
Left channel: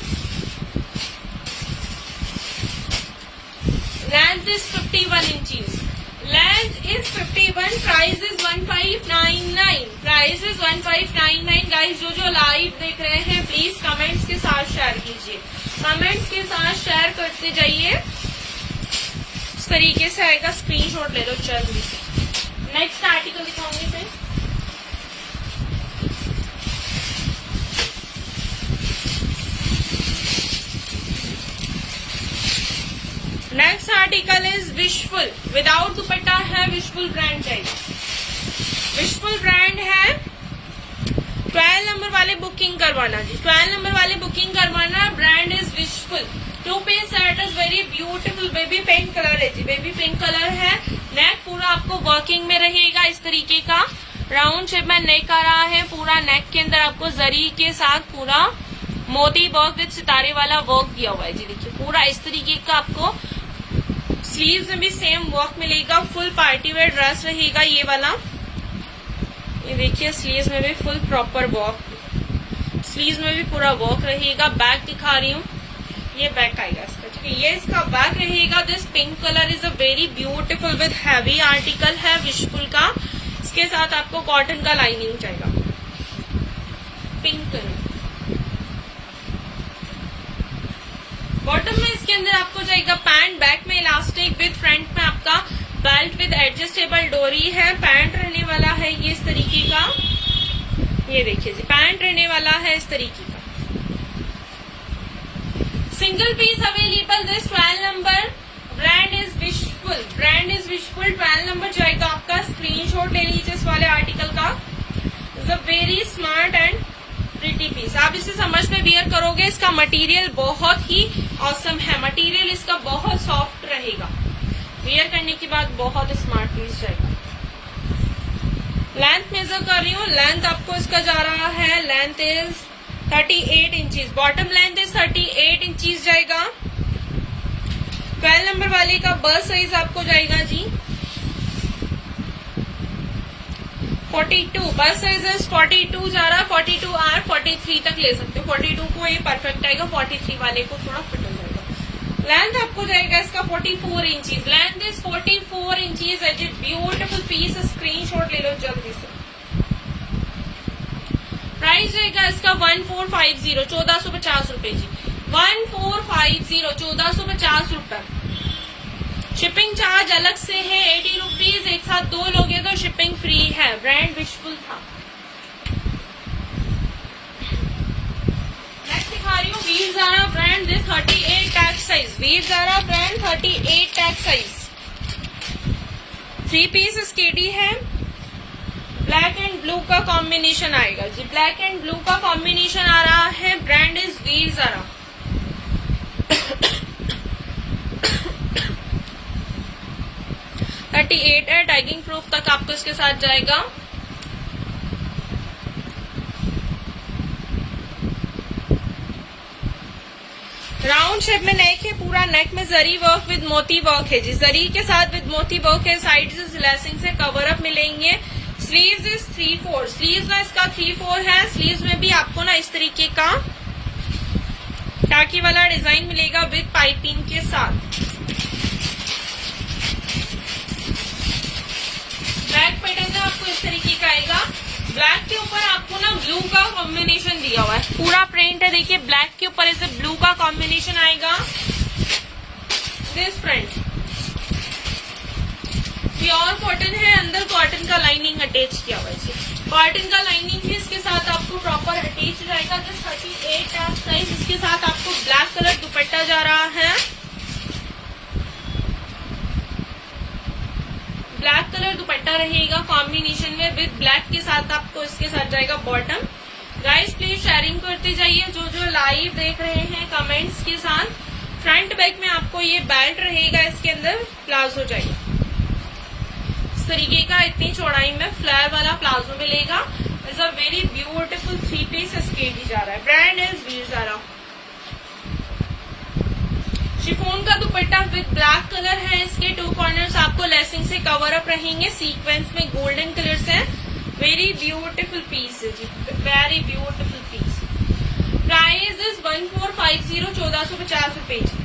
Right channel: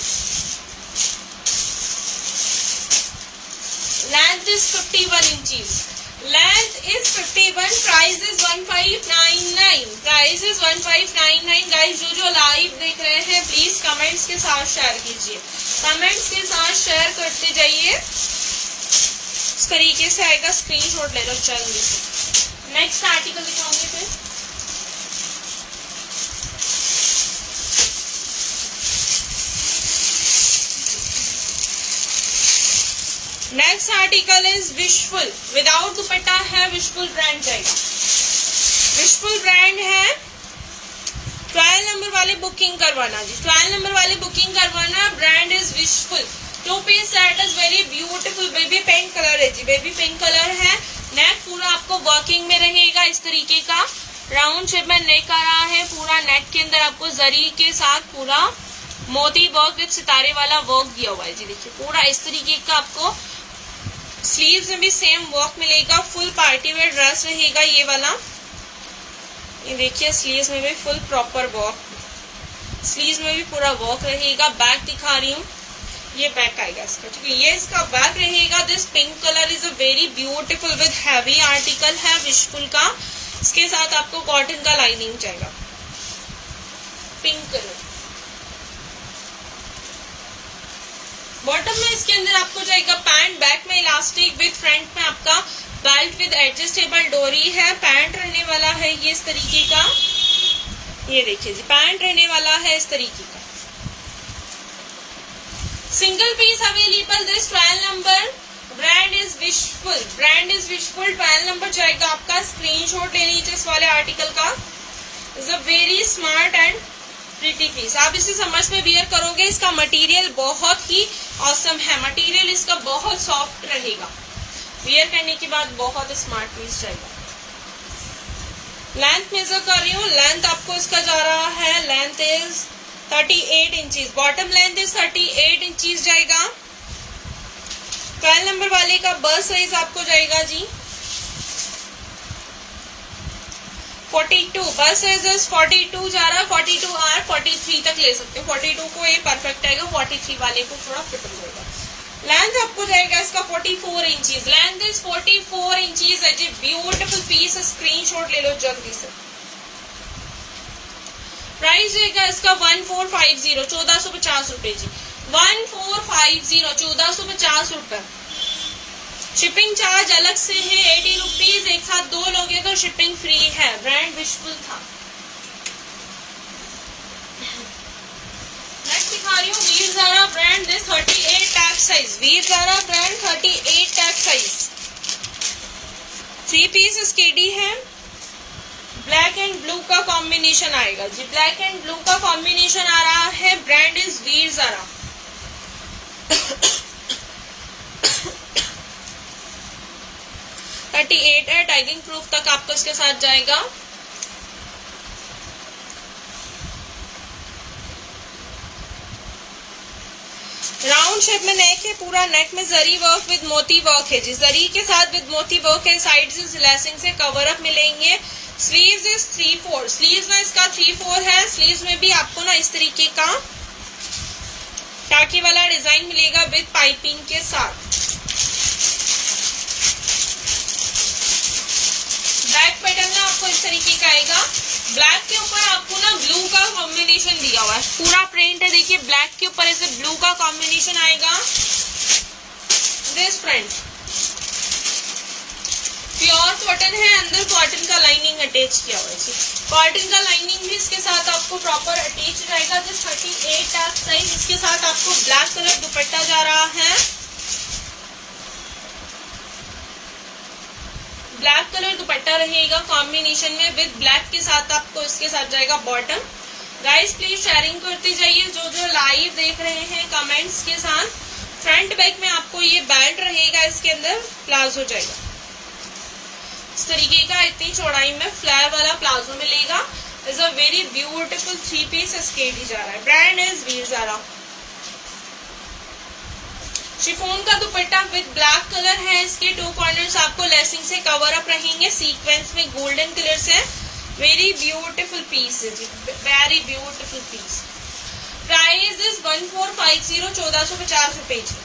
length is 51 inches, length is 51। Price is 1599, price is 1599। Guys जो लाइव देख रहे हैं प्लीज कमेंट्स के साथ शेयर कीजिए, कमेंट्स के साथ शेयर करते जाइए। इस तरीके से आएगा, स्क्रीनशॉट ले लो जल्दी से। नेक्स्ट आर्टिकल दिखाऊंगी फिर। Next article is Wishful, without dupatta है। विशफुल ब्रांड जाएगा, विशफुल ब्रांड है। 12 नंबर वाले बुकिंग करवाना जी, 12 नंबर वाले बुकिंग करवाना। Brand is Wishful. 2 piece set is very beautiful. Baby pink colour है जी, बेबी पिंक कलर है। नेक पूरा आपको वर्किंग में रहेगा इस तरीके का। राउंड शेप में नेक आ रहा है। पूरा नेक के अंदर आपको जरी के साथ पूरा मोती वर्क विद सितारे वाला वर्क दिया हुआ है जी। देखिए पूरा इस तरीके का आपको स्लीव्स में भी सेम वर्क मिलेगा। फुल पार्टी वेयर ड्रेस रहेगा ये वाला। ये देखिए स्लीव्स में भी फुल प्रॉपर वर्क, स्लीव्स में भी पूरा वर्क रहेगा। बैक दिखा रही हूँ, ये बैक आएगा इसका। ठीक है, ये इसका बैक रहेगा। This pink colour is a very beautiful with heavy article है विशफुल का। इसके साथ आपको कॉटन का लाइनिंग जाएगा, पिंक कलर। बॉटम में इसके अंदर आपको जाएगा पैंट, बैक में इलास्टिक विद फ्रंट में आपका बेल्ट विद एडजस्टेबल डोरी है। पैंट रहने वाला है ये इस तरीके का। ये देखिए जी, पैंट रहने वाला है इस तरीके का। Single piece available. This 12 number. Brand is Wishful, brand is Wishful. 12 number जाएगा आपका। स्क्रीनशॉट ले लीजिए इस वाले आर्टिकल का। Is a very smart and pretty piece. आप इसे समर्स में वियर करोगे। इसका मटेरियल बहुत ही ऑसम है, मटेरियल इसका बहुत सॉफ्ट रहेगा। वियर करने के बाद बहुत स्मार्ट पीस जाएगा। लेंथ मेजर कर रही हूँ, लेंथ आपको इसका जा रहा है। Length is 38 inches. Bottom length is 38 inches जाएगा। 12 नंबर वाले का बस साइज आपको जाएगा जी 42। बस साइज इज 42 जा रहा है। 42R 43 तक ले सकते हो। 42 को ये परफेक्ट आएगा, 43 वाले को थोड़ा फिट हो जाएगा। लेंथ आपको जाएगा इसका 44 इंचीज। लेंथ इज 44 इंचीज है जी। ब्यूटीफुल पीस, स्क्रीनशॉट ले लो जल्दी से। प्राइस जाएगा इसका 1450, 1450 रुपए जी। 1450, 1450 रुपए। शिपिंग चार्ज अलग से है 80 रुपीज। एक साथ 2 लोगे तो शिपिंग फ्री है। ब्रांड विशफुल था। नेक्स्ट दिखा रही हूँ Veezara brand. This 38 tag size. Veezara brand 38 tag size. 3 piece SKD है। ब्लैक एंड ब्लू का कॉम्बिनेशन आएगा जी। ब्लैक एंड ब्लू का कॉम्बिनेशन आ रहा है। Brand is weave Zaara. 38 है, टैगिंग प्रूफ तक आपको इसके साथ जाएगा। राउंड शेप में नेक है, पूरा नेक में जरी वर्क विद मोती वर्क है जी, जरी के साथ विद मोती वर्क है। साइड से लेसिंग से कवर अप मिलेंगे। स्लीव्स इज 3/4, स्लीव्स में इसका 3/4 है। स्लीव्स में भी आपको ना इस तरीके का टाके वाला डिजाइन मिलेगा विद पाइपिंग के साथ। बैक पैटर्न में आपको इस तरीके का आएगा। ब्लैक के ऊपर आपको ना ब्लू का कॉम्बिनेशन दिया हुआ है, पूरा प्रिंट है। देखिए ब्लैक के ऊपर ऐसे ब्लू का कॉम्बिनेशन आएगा। दिस फ्रंट प्योर कॉटन है, अंदर कॉटन का लाइनिंग अटैच किया हुआ है। कॉटन का लाइनिंग भी इसके साथ आपको प्रॉपर अटैच रहेगा। Just 38 tag size. इसके साथ आपको ब्लैक कलर दुपट्टा जा रहा है, ब्लैक कलर दुपट्टा रहेगा कॉम्बिनेशन में विद ब्लैक के साथ। आपको इसके साथ जाएगा बॉटम। गाइस प्लीज शेयरिंग करते जाइए, जो लाइव देख रहे हैं कमेंट्स के साथ। फ्रंट बैक में आपको ये बेल्ट रहेगा, इसके अंदर प्लाजो जाएगा इस तरीके का, इतनी चौड़ाई में फ्लेयर वाला प्लाजो मिलेगा। Is a very beautiful 3 piece SKD जा रहा है। Brand is वीजारा। शिफॉन का दुपट्टा विद ब्लैक कलर है। इसके 2 कॉर्नर्स आपको लेसिंग से कवर अप रहेंगे, सीक्वेंस में गोल्डन कलर से। वेरी ब्यूटीफुल पीस है जी, very beautiful piece. Price is 1450, 1450 रुपए जी,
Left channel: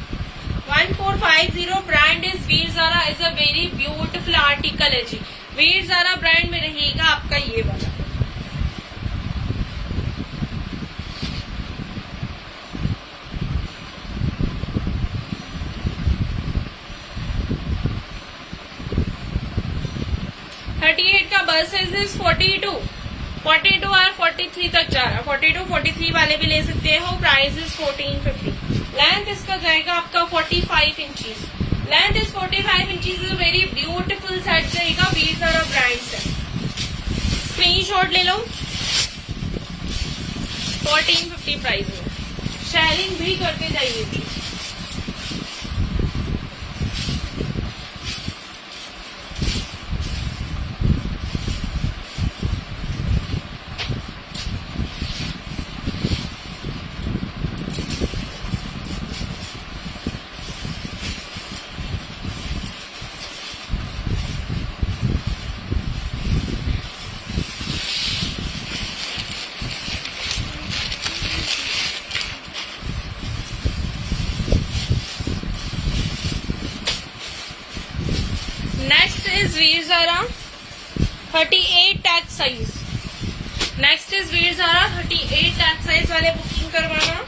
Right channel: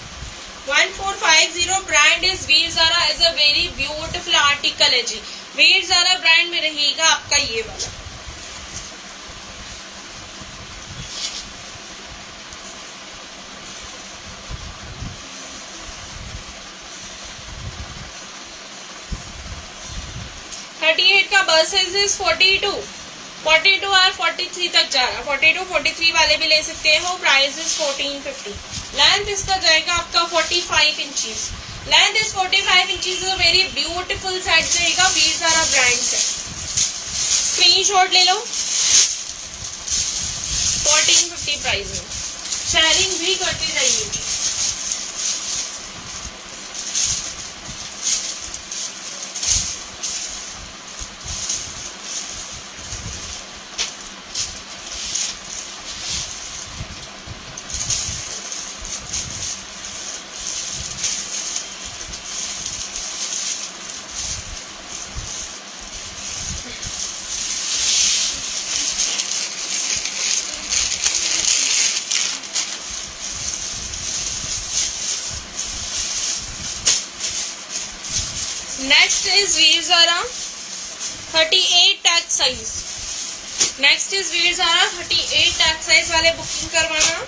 1450। Brand is Veezara. Is a very beautiful article है जी। वीजारा ब्रांड में रहेगा आपका ये वाला। का बस साइज इज 42 है, 43 तक जा रहा है। 42, 43 वाले भी ले सकते हो। Price is 1450। लेंथ इसका जाएगा आपका 45 inches. Length is 45 inches. Very beautiful set जाएगा, वीजारा ब्रांड से। स्क्रीनशॉट ले लो। 1450 प्राइस में। शेयरिंग भी करते जाइए। Next is Veezara 38 tag size. Next is Veezara 38 tag size वाले बुकिंग करवाना।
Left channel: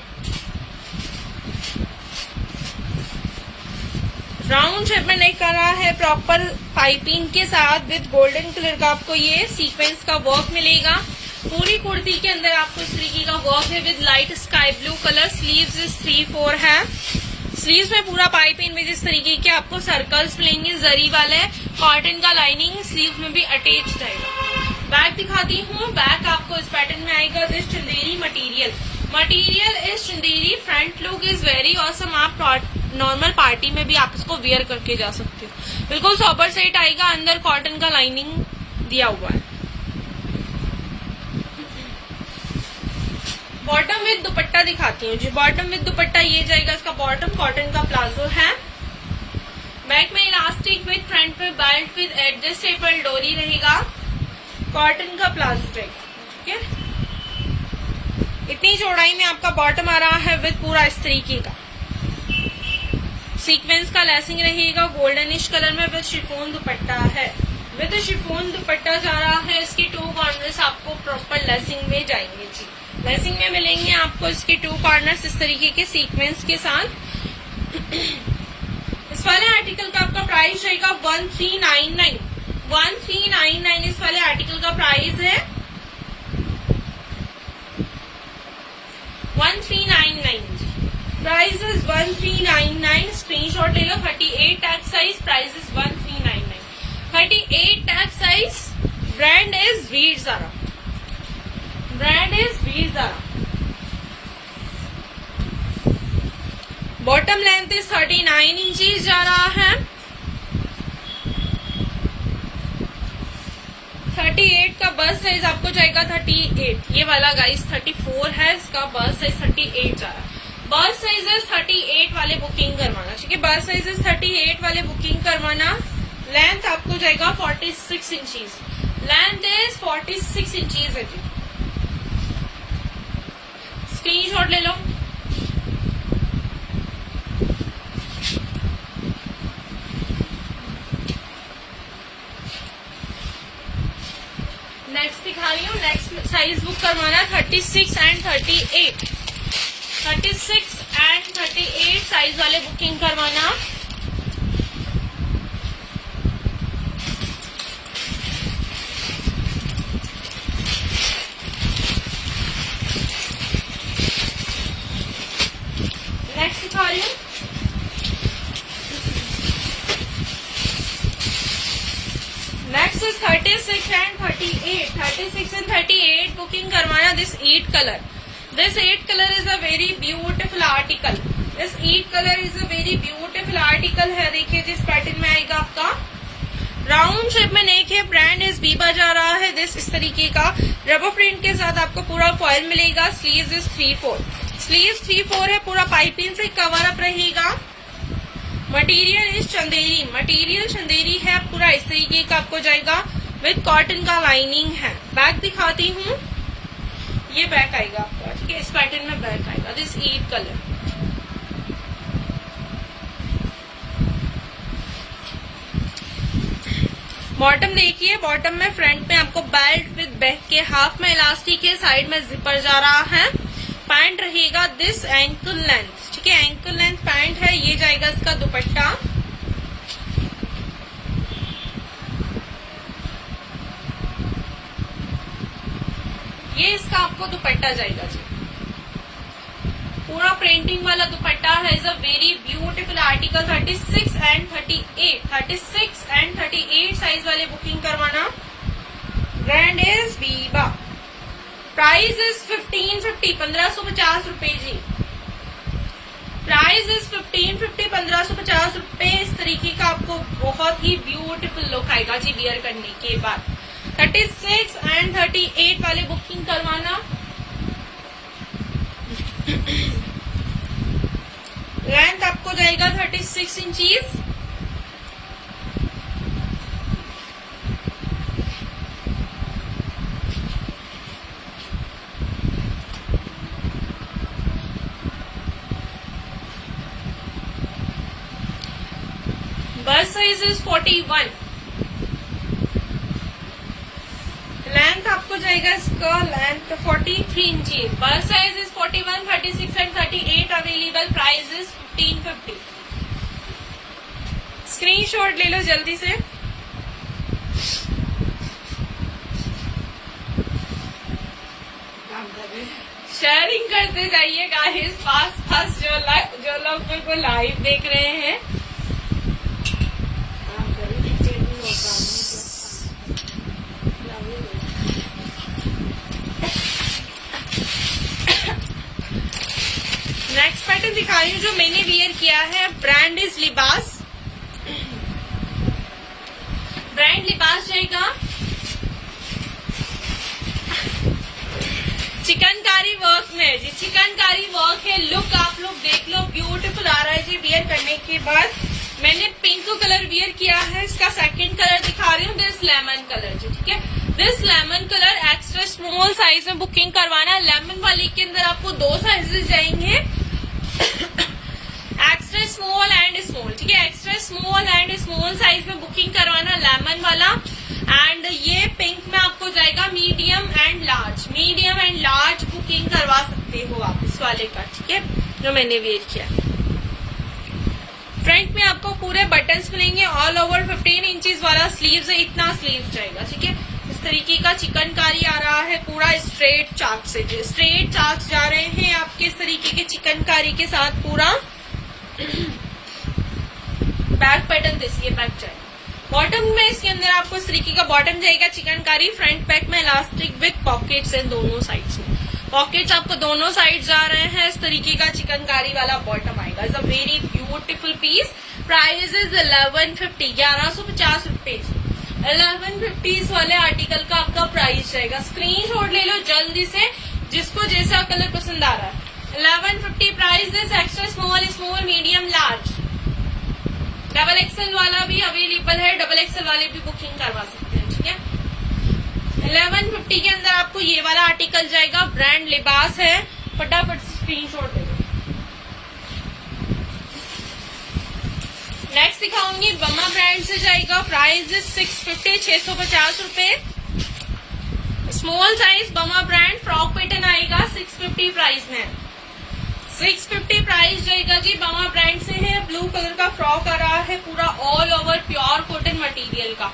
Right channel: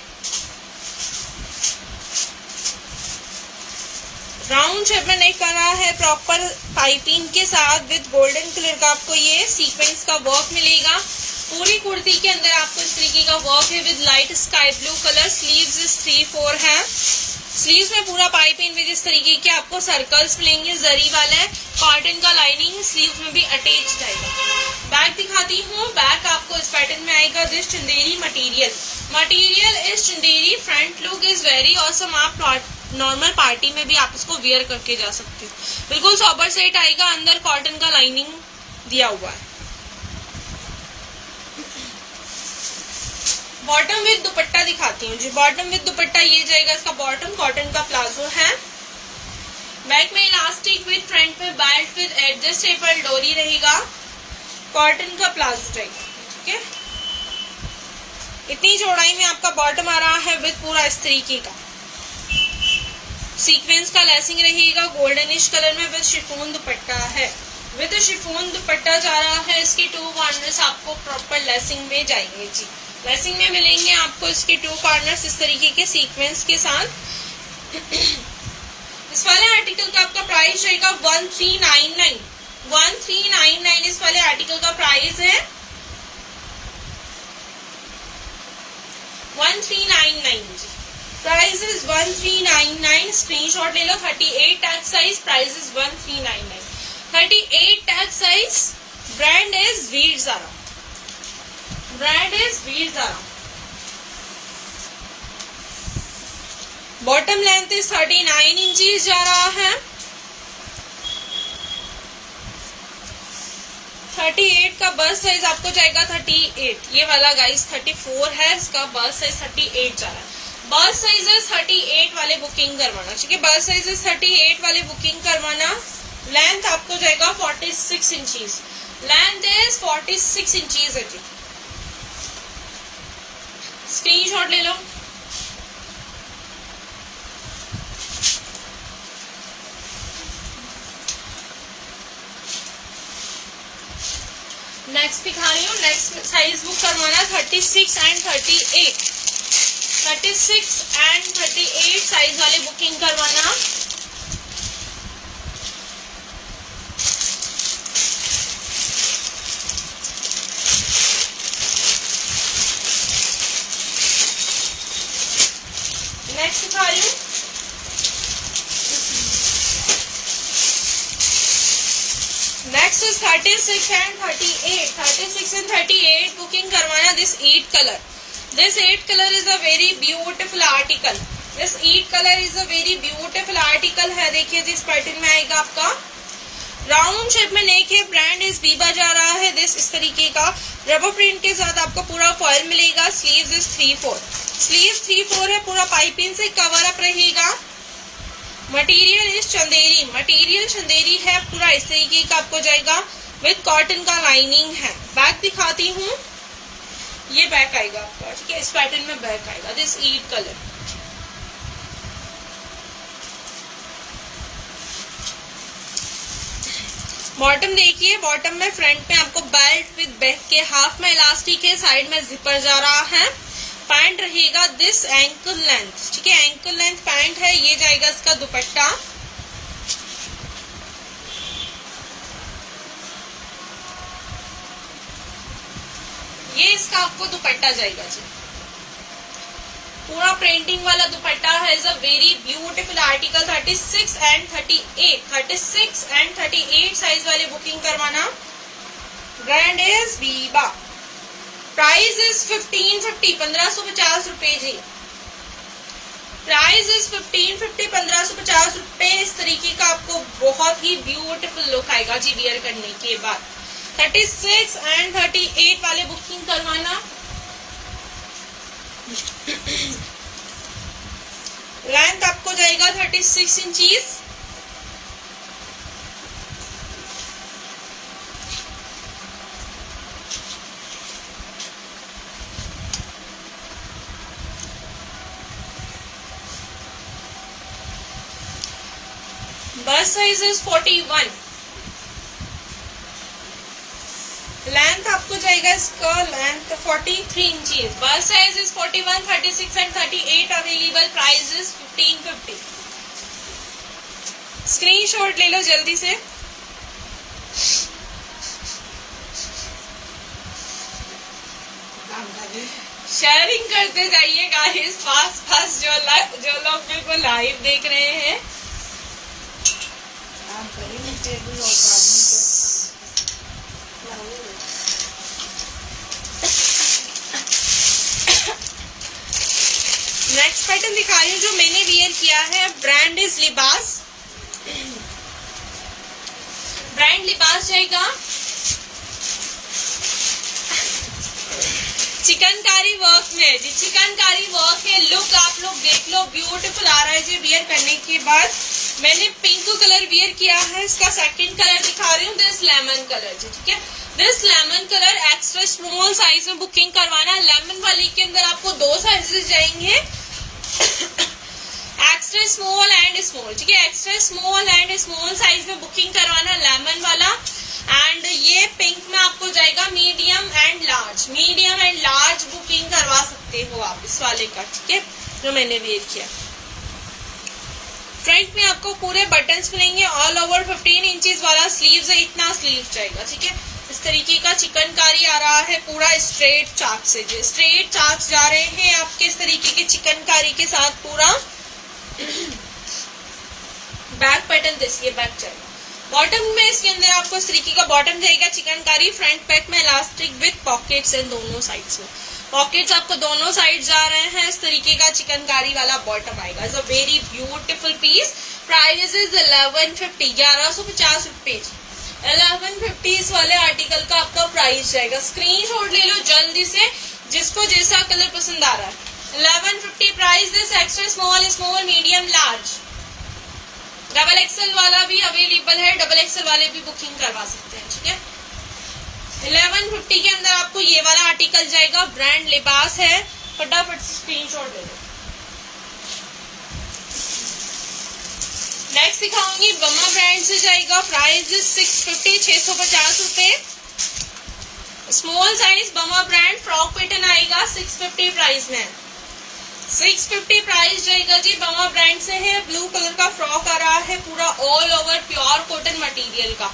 राउंड शेप में नहीं करा है, प्रॉपर पाइपिंग के साथ विद गोल्डन कलर का आपको ये सीक्वेंस का वर्क मिलेगा। पूरी कुर्ती के अंदर आपको इस तरीके का वर्क है with light sky blue colour. Sleeves is 3/4 है। स्लीव्स में पूरा पाइपिंग में इस तरीके के आपको सर्कल्स मिलेंगे जरी वाले। कॉटन का लाइनिंग स्लीव में भी अटैच रहेगा। बैक दिखाती हूँ। बैक आपको इस पैटर्न में आएगा। This Chanderi material is Chanderi. Front look is very awesome. आप नॉर्मल पार्टी में भी आप इसको वेयर करके जा सकते हो। बिल्कुल सोबर सेट आएगा। अंदर कॉटन का लाइनिंग दिया हुआ है। बॉटम विद दुपट्टा दिखाती हूँ जी। बॉटम विद दुपट्टा ये जाएगा। इसका बॉटम कॉटन का प्लाजो है। बैक में इलास्टिक विद, फ्रंट में बेल्ट विद एडजस्टेबल डोरी रहेगा। कॉटन का प्लाजो जाएगा। ठीक है, इतनी चौड़ाई में आपका बॉटम आ रहा है विद पूरा इस तरीके का सीक्वेंस का लेसिंग रहेगा। गोल्डनिश कलर में विद शिफॉन दुपट्टा है। विद शिफॉन दुपट्टा जा रहा है। इसके 2 कॉर्नर्स आपको प्रॉपर लेसिंग में जाएंगे जी। लेसिंग में मिलेंगे आपको इसके 2 कॉर्नर्स इस तरीके के सीक्वेंस के साथ। इस वाले आर्टिकल का आपका प्राइस रहेगा 1399। 1399 इस वाले आर्टिकल का प्राइस है। 1399 प्राइस इज 1399। स्क्रीनशॉट ले लो। 38 tag size. Price is 1399। 38 tag size. Brand is Veezara. Bottom length is 39 inches जा रहा है। 38 का बस साइज आपको जाएगा 38, ये वाला गाइस 34 है, इसका बस साइज 38 जा रहा है। बस साइजेस 38 वाले बुकिंग करवाना, ठीक है, बस साइजेस 38 वाले बुकिंग करवाना। लेंथ आपको जाएगा 46 इंचीज, लेंथ इज 46 इंचीज है जी। स्क्रीनशॉट ले लो। नेक्स्ट दिखा रही हूँ, नेक्स्ट साइज बुक करवाना 36 एंड 38, 36 एंड 38 साइज वाले बुकिंग करवाना। नेक्स्ट दिखा रही हूँ, next is 36 and 38, 36 and 38 booking करवाना। This 8 colour, this 8 colour is a very beautiful article, this 8 colour is a very beautiful article है। देखिए जिस पैटर्न में आएगा आपका राउंड शेप में नेक है, ब्रांड इज बीबा जा रहा है। दिस इस तरीके का रबर प्रिंट के साथ आपको पूरा फॉइल मिलेगा। स्लीव्स इज 3/4, स्लीव्स 3/4 है, पूरा पाइपिंग से कवर अप रहेगा। Material is Chanderi, material Chanderi है, पूरा इस तरीके का आपको जाएगा विद कॉटन का लाइनिंग है। बैक दिखाती हूँ, ये बैक आएगा आपका, ठीक है, इस पैटर्न में बैक आएगा। दिस 8 कलर, बॉटम देखिए, बॉटम में फ्रंट में आपको बेल्ट विद बैक के हाफ में इलास्टिक है, साइड में जिपर जा रहा है। पैंट रहेगा दिस एंकल लेंथ, ठीक है, एंकल लेंथ पैंट है। ये जाएगा इसका दुपट्टा, ये इसका आपको दुपट्टा जाएगा जी, पूरा प्रिंटिंग वाला दुपट्टा है। Is a very beautiful article. 36 and 38, 36 and 38 size वाले बुकिंग करवाना। Brand is Biba, price is 1550, 1550 रुपए जी। प्राइस इज 1550, 1550 रुपए। इस तरीके का आपको बहुत ही ब्यूटीफुल लुक आएगा जी वियर करने के बाद। 36 एंड 38 वाले बुकिंग करवाना। लेंथ आपको जाएगा 36 इंचीज। बस साइज इज 41, लेंथ आपको जाएगा इसका लेंथ 43 इंचीज। बस size is 41, 36 and 38 available. Price is 1550। Screenshot ले लो जल्दी से। शेयरिंग करते जाइए गाइस, फास्ट जो लोग मेरे को लाइव देख रहे हैं। नेक्स्ट पैटर्न दिखाई हूँ जो मैंने वियर किया है। ब्रांड इज लिबास, ब्रांड लिबास जाएगा। चिकनकारी वर्क में जी, चिकनकारी वर्क है। लुक आप लोग देख लो, ब्यूटीफुल आ रहा है जी वियर करने के बाद। मैंने पिंक कलर वियर किया है, इसका सेकंड कलर दिखा रही हूँ, दिस लेमन कलर जी, ठीक है। This lemon colour extra small size में बुकिंग करवाना। लेमन वाली के अंदर आपको 2 साइजेस जाएंगे, एक्स्ट्रा स्मॉल एंड स्मॉल, ठीक है, extra small and small size में बुकिंग करवाना लेमन वाला। एंड ये पिंक में आपको जाएगा medium and large, medium and large booking करवा सकते हो आप इस वाले का, ठीक है, जो मैंने वेयर किया। फ्रंट में आपको पूरे बटन्स मिलेंगे, ऑल ओवर 15 इंचेस वाला स्लीव्स है, इतना स्लीव्स जाएगा, ठीक है। इस तरीके का चिकनकारी आ रहा है, पूरा स्ट्रेट चाक से, जो स्ट्रेट चाक जा रहे हैं आपके इस तरीके के चिकनकारी के साथ पूरा। बैक पैटर्न देखिए, बैक जाएगा। बॉटम में इसके अंदर आपको इस तरीके का बॉटम जाएगा चिकनकारी, फ्रंट बैक में इलास्टिक विद पॉकेट्स इन दोनों साइड्स में। पॉकेट्स आपको दोनों साइड जा रहे हैं, इस तरीके का चिकनकारी वाला बॉटम आएगा। It's a very beautiful piece. Price is 1150, 1150 रुपए। 1150 वाले आर्टिकल का आपका प्राइस जाएगा। स्क्रीनशॉट ले लो जल्दी से, जिसको जैसा कलर पसंद आ रहा है। 1150 price this, extra small, small, medium, large. Double XL वाला भी अवेलेबल है, डबल एक्सएल वाले भी बुकिंग करवा सकते हैं, ठीक है। 1150 के अंदर आपको ये वाला आर्टिकल जाएगा, ब्रांड लिबास है, फटाफट से स्क्रीनशॉट दे दो। नेक्स्ट दिखाऊंगी बमा ब्रांड से जाएगा, प्राइस 650, 650 रुपए। स्मॉल साइज बमा ब्रांड फ्रॉक पैटर्न आएगा 650 प्राइस में, 650 प्राइस जाएगा जी। बमा ब्रांड से है, ब्लू कलर का फ्रॉक आ रहा है, पूरा all over pure cotton material का।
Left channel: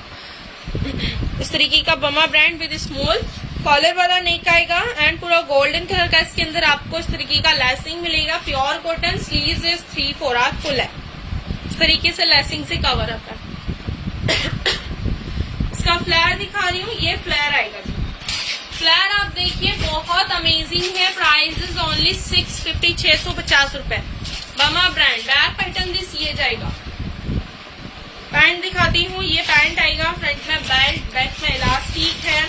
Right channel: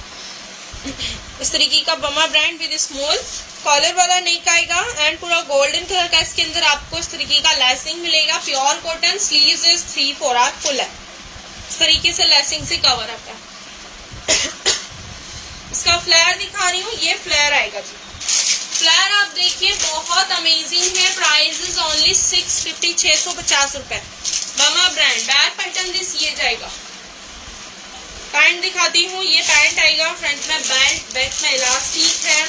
इस तरीके का बमा ब्रांड विद स्मॉल कॉलर वाला नेक आएगा एंड पूरा गोल्डन कलर का इसके अंदर आपको इस तरीके का लेसिंग मिलेगा, pure cotton. Sleeves is 3/4 full है, इस तरीके से लेसिंग से कवर अप है। इसका फ्लेयर दिखा रही हूँ, ये फ्लेयर आएगा जी। फ्लेयर आप देखिए बहुत अमेजिंग है। प्राइस इज ओनली 650, 650 रुपए। बमा ब्रांड, बैक पैटर्न दिस ये जाएगा। पैंट दिखाती हूँ, ये पैंट आएगा, फ्रंट में बेल्ट, बैक में इलास्टिक है,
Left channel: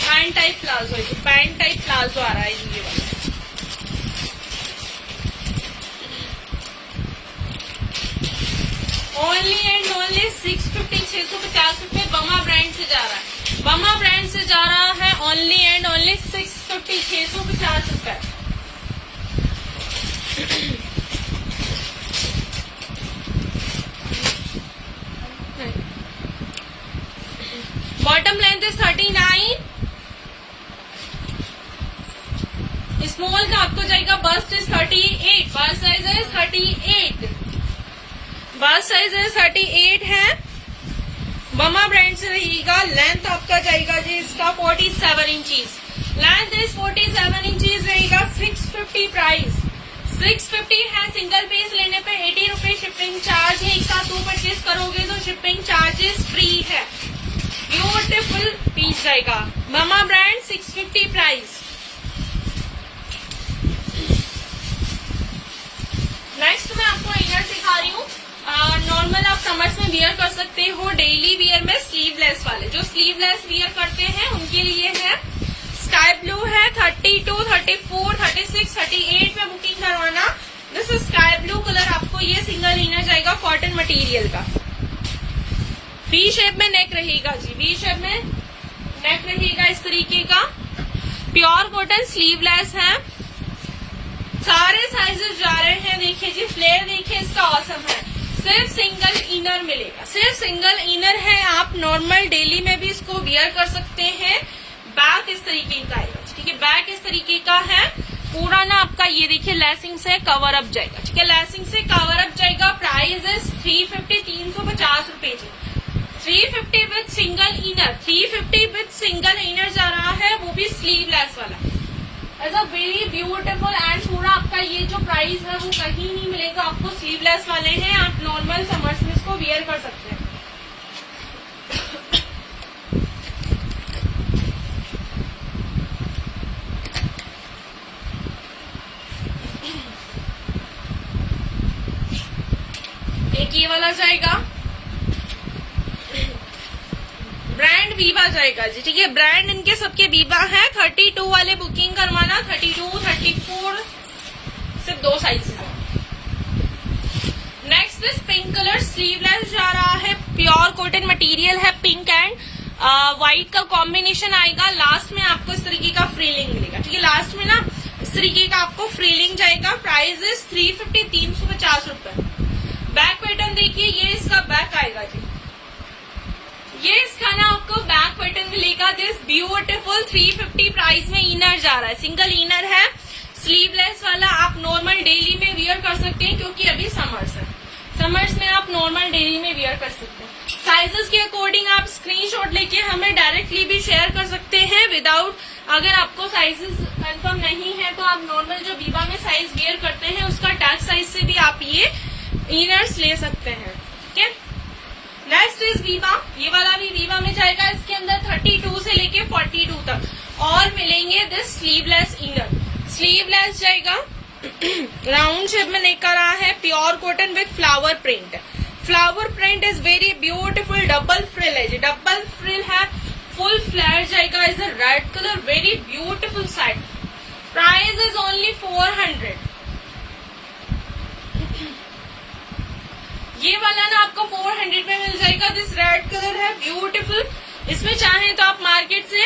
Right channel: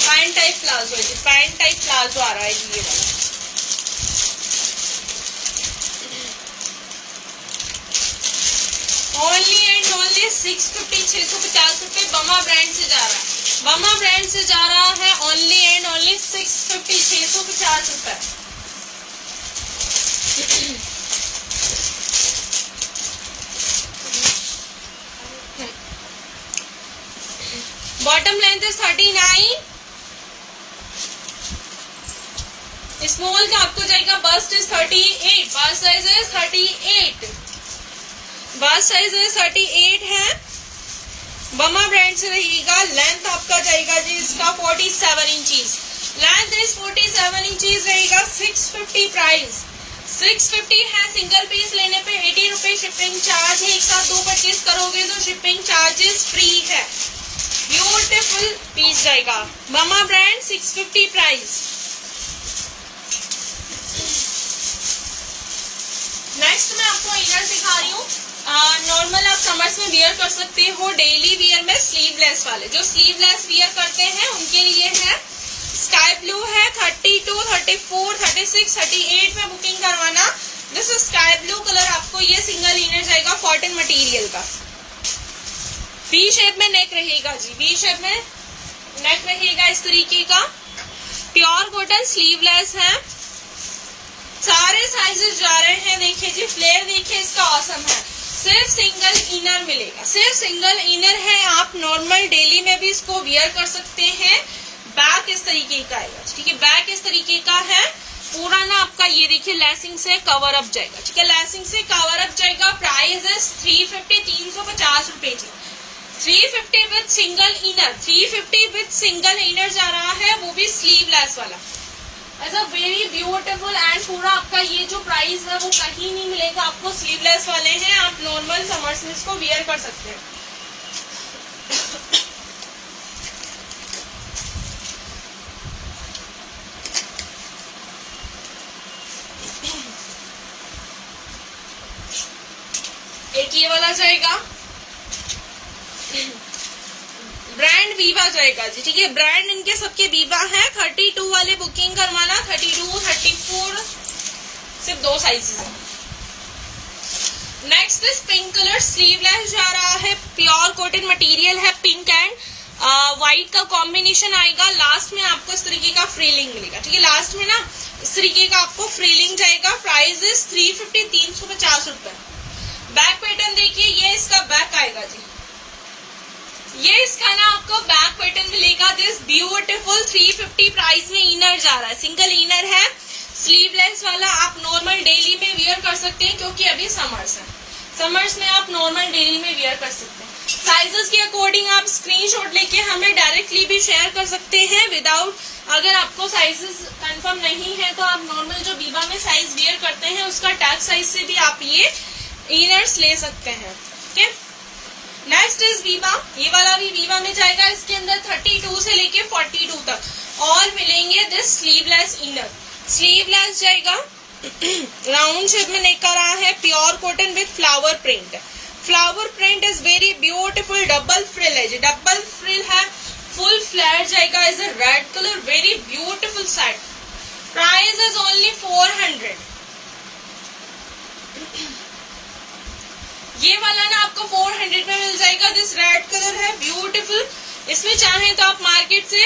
पैंट टाइप प्लाजो है, पैंट टाइप प्लाजो आ रहा है ये वाला। ओनली एंड ओनली 650, 650 रुपए बमा ब्रांड से जा रहा है। बमा ब्रांड से जा रहा है ओनली एंड ओनली 650, 650 रुपए। बॉटम लेंथ है 39, स्मॉल का आपको जाएगा, बस्ट इज 38, बस्ट साइज है 38, बस्ट साइज है 38 है। बमा ब्रांड से रहेगा। लेंथ आपका जाएगा जी इसका 47 इंचीज, लेंथ इज 47 इंचीज रहेगा। 650 प्राइस, 650 है। सिंगल पीस लेने पे 80 रुपए शिपिंग चार्ज है। एक साथ 2 परचेज करोगे तो शिपिंग चार्जेस फ्री है। ब्यूटीफुल पीस जाएगा, बमा ब्रांड, 650 प्राइस। नेक्स्ट मैं आपको इनर दिखा रही हूँ। नॉर्मल आप समर्स में वियर कर सकते हो, डेली वियर में स्लीवलेस वाले, जो स्लीवलेस वियर करते हैं उनके लिए है। स्काई ब्लू है, 32, 34, 36, 38 में बुकिंग करवाना। दिस स्काई ब्लू कलर आपको ये सिंगल इनर जाएगा, कॉटन मटेरियल का। वी शेप में नेक रहेगा जी, वी शेप में नेक रहेगा इस तरीके का, प्योर कॉटन, स्लीवलेस है। सारे साइजेस जा रहे हैं। देखिए जी, फ्लेयर देखिए इसका औसम है। सिर्फ सिंगल इनर मिलेगा, सिर्फ सिंगल इनर है। आप नॉर्मल डेली में भी इसको वियर कर सकते हैं। बैक इस तरीके का आएगा, ठीक है, बैक इस तरीके का है। पूरा ना आपका ये देखिए लेसिंग से कवर अप जाएगा, ठीक है, लेसिंग से कवर अप जाएगा। प्राइस इज 350, 350 रुपए जी। 350 with single inner, 350 with single inner जा रहा है, वो भी स्लीवलेस वाला। As a very beautiful and पूरा आपका ये जो प्राइस है वो कहीं नहीं मिलेगा आपको। स्लीवलेस वाले हैं, आप नॉर्मल समर्स में इसको वियर कर सकते हैं। एक ये वाला जाएगा, ब्रांड वीवा जाएगा जी, ठीक है, ब्रांड इनके सबके वीवा है। 32 वाले बुकिंग करवाना, 32, 34, सिर्फ 2 साइजेस है। Next this pink colour sleeveless जा रहा है, प्योर कॉटन मटेरियल है, पिंक एंड व्हाइट का कॉम्बिनेशन आएगा। लास्ट में आपको इस तरीके का फ्रीलिंग मिलेगा, ठीक है, लास्ट में ना इस तरीके का आपको फ्रीलिंग जाएगा। प्राइस इज 350, 350 रुपए। बैक पैटर्न देखिए, ये इसका बैक आएगा जी, ये इसका ना आपको बैक पैटर्न मिलेगा। दिस ब्यूटीफुल 350 प्राइस में इनर जा रहा है, सिंगल इनर है, स्लीवलेस वाला। आप नॉर्मल डेली में वियर कर सकते हैं क्योंकि अभी समर्स है, समर्स में आप नॉर्मल डेली में वियर कर सकते हैं। साइजेस के अकॉर्डिंग आप स्क्रीनशॉट लेके हमें डायरेक्टली भी शेयर कर सकते हैं विदाउट, अगर आपको साइजेस कंफर्म नहीं है तो आप नॉर्मल जो बीबा में साइज वियर करते हैं उसका टैग साइज से भी आप ये इनर्स ले सकते हैं, ठीक है। नेक्स्ट इज वीवा, ये वाला भी वीवा में जाएगा। इसके अंदर 32 से लेके 42 तक ऑल मिलेंगे। दिस स्लीवलेस इनर, स्लीवलेस जाएगा, राउंड शेप में नेक आ रहा है, pure cotton with flower print, flower print is very beautiful, double frill है जी, डबल फ्रिल है, फुल फ्लैट जाएगा, is a red colour, very beautiful set. Price is only 400। ये वाला ना आपको 400 में मिल जाएगा। दिस रेड कलर है, ब्यूटीफुल। इसमें चाहें तो आप मार्केट से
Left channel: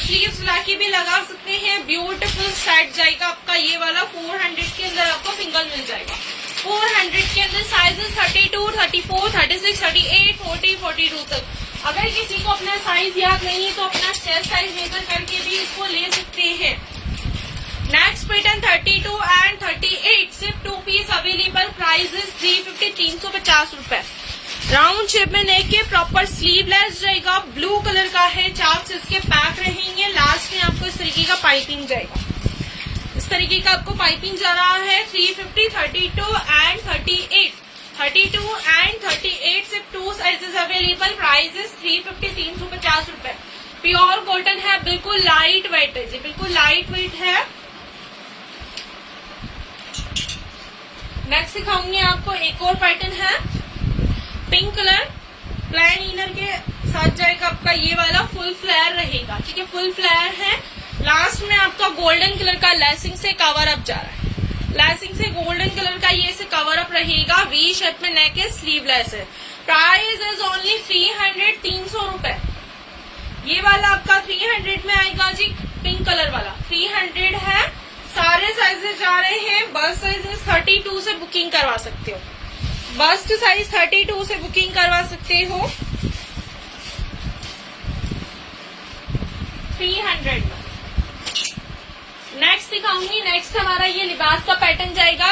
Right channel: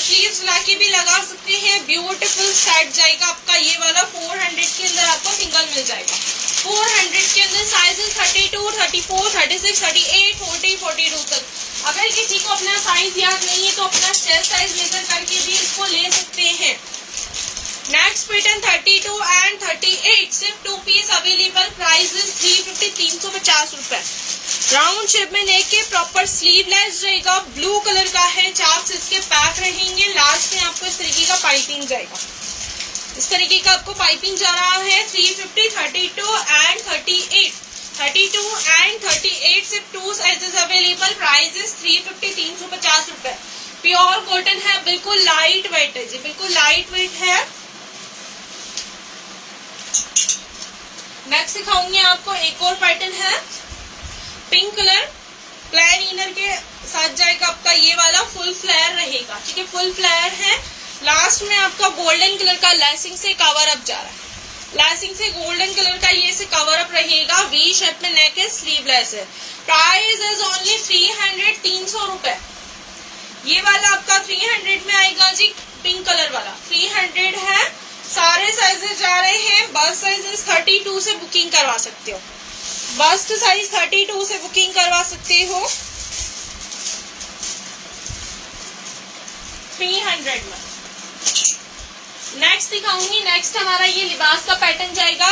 स्लीव्स लाके भी लगा सकते हैं। ब्यूटीफुल सेट जाएगा आपका ये वाला। 400 के अंदर आपको सिंगल मिल जाएगा। 400 के अंदर साइजेस 32, 34, 36, 38, 40, 42 तक। अगर किसी को अपना साइज याद नहीं है तो अपना चेस्ट साइज मेजर करके भी इसको ले सकते हैं। नेक्स्ट पैटर्न 32 एंड 38, सिर्फ 2 पीस अवेलेबल। प्राइस 350, 350 रुपए। राउंड शेप में लेके प्रॉपर स्लीवलेस जाएगा, ब्लू कलर का है, चाक्स इसके पैक रहेंगे। लास्ट में आपको इस तरीके का पाइपिंग जाएगा, इस तरीके का आपको पाइपिंग जा रहा है। 350, 32 एंड 38, 32 एंड 38 सिर्फ 2 साइजेस अवेलेबल। प्राइस 350, 350 रुपए। प्योर कॉटन है, बिल्कुल लाइट वेट है जी, बिल्कुल लाइट वेट है। नेक्स्ट दिखाऊंगी आपको एक और पैटर्न है, पिंक कलर, प्लेन इनर के साथ जाएगा आपका ये वाला। फुल फ्लेयर रहेगा, ठीक है, फुल फ्लेयर है। लास्ट में आपका गोल्डन कलर का लेसिंग से कवर अप जा रहा है, लेसिंग से गोल्डन कलर का ये से कवर अप रहेगा। वी शेप में नेक है, स्लीवलेस है। प्राइस इज ओनली 300, 300 रुपए। ये वाला आपका 300 में आएगा जी, पिंक कलर वाला 300 है। सारे साइजेस जा रहे हैं। बस्ट साइज 32 से बुकिंग करवा सकते हो, बस्ट साइज 32 से बुकिंग करवा सकते हो 300 में। नेक्स्ट दिखाऊंगी, नेक्स्ट हमारा ये लिबास का पैटर्न जाएगा।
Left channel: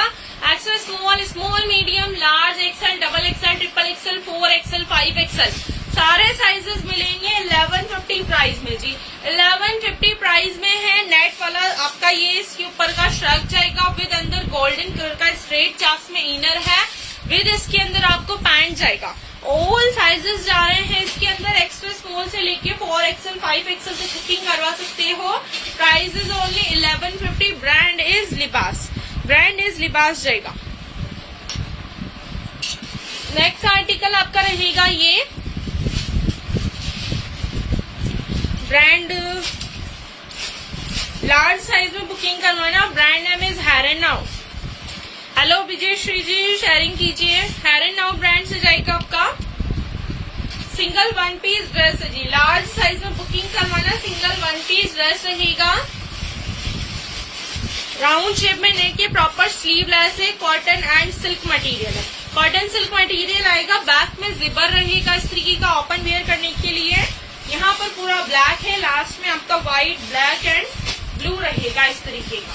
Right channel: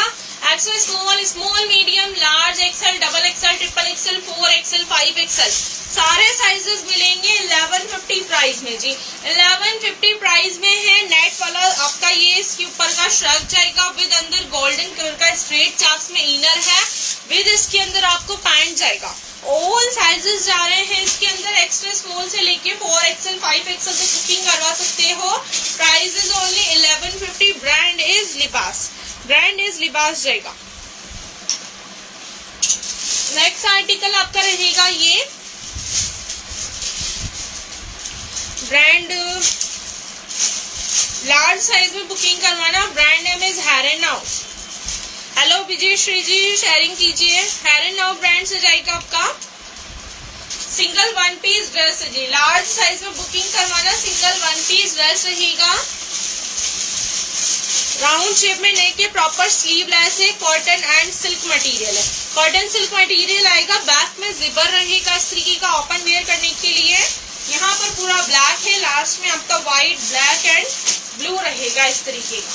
XL small, small medium, large, XL, double XL, triple XL, 4XL, 5XL, सारे साइजेस मिलेंगे 1150 प्राइस में जी। 1150 प्राइस में है। नेट वाला आपका ये इसके ऊपर का श्रग जाएगा विद अंदर गोल्डन कलर का स्ट्रेट चाक्स में इनर है, विद इसके अंदर आपको पैंट जाएगा। ऑल साइजेस जा रहे हैं इसके अंदर, एक्स्ट्रा स्मॉल से लेके 4XL, 5XL तक बुकिंग करवा सकते हो। Price is only 1150। Brand is Libas, brand is Libas जाएगा। नेक्स्ट आर्टिकल आपका रहेगा ये ब्रांड, लार्ज साइज में बुकिंग करवाना। Brand name is Here and Now. Hello Vijay Shri ji, sharing कीजिए। हेरन नाउ ब्रांड से जाएगा आपका। सिंगल 1 पीस ड्रेस है जी, लार्ज साइज में बुकिंग करवाना। सिंगल 1 पीस ड्रेस रहेगा, राउंड शेप में लेके प्रॉपर स्लीवलेस है, कॉटन एंड सिल्क मटेरियल है। कॉटन सिल्क मटेरियल आएगा, बैक में जिपर रहेगा इस तरीके का ओपन वेयर करने के लिए। यहाँ पर पूरा ब्लैक है, लास्ट में आपका व्हाइट, ब्लैक एंड ब्लू रहेगा इस तरीके का।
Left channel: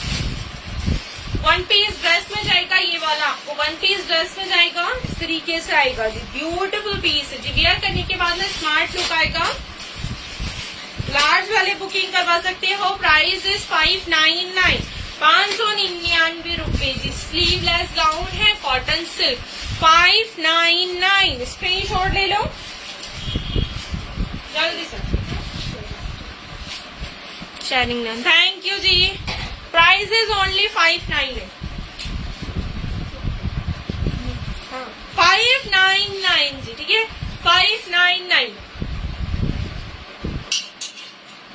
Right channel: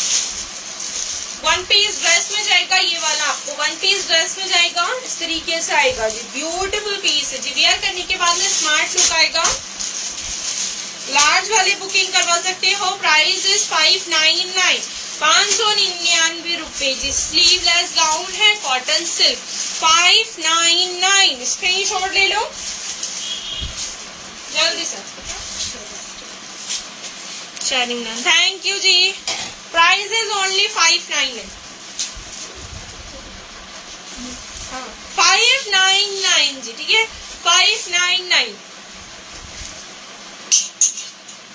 1 पीस ड्रेस में जाएगा ये वाला, आपको 1 पीस ड्रेस में जाएगा इस तरीके से आएगा जी। ब्यूटीफुल पीस है जी, वेयर करने के बाद में स्मार्ट लुक आएगा। लार्ज वाले बुकिंग करवा सकते हो। प्राइस इज 599, 599 रुपए जी। स्लीवलेस गाउन है, कॉटन सिल्क, 599। स्क्रीनशॉट ले लो जल्दी से। शाइनिंग नाम, थैंक यू जी। प्राइस इज ओनली 599, 599 जी, ठीक है, 599।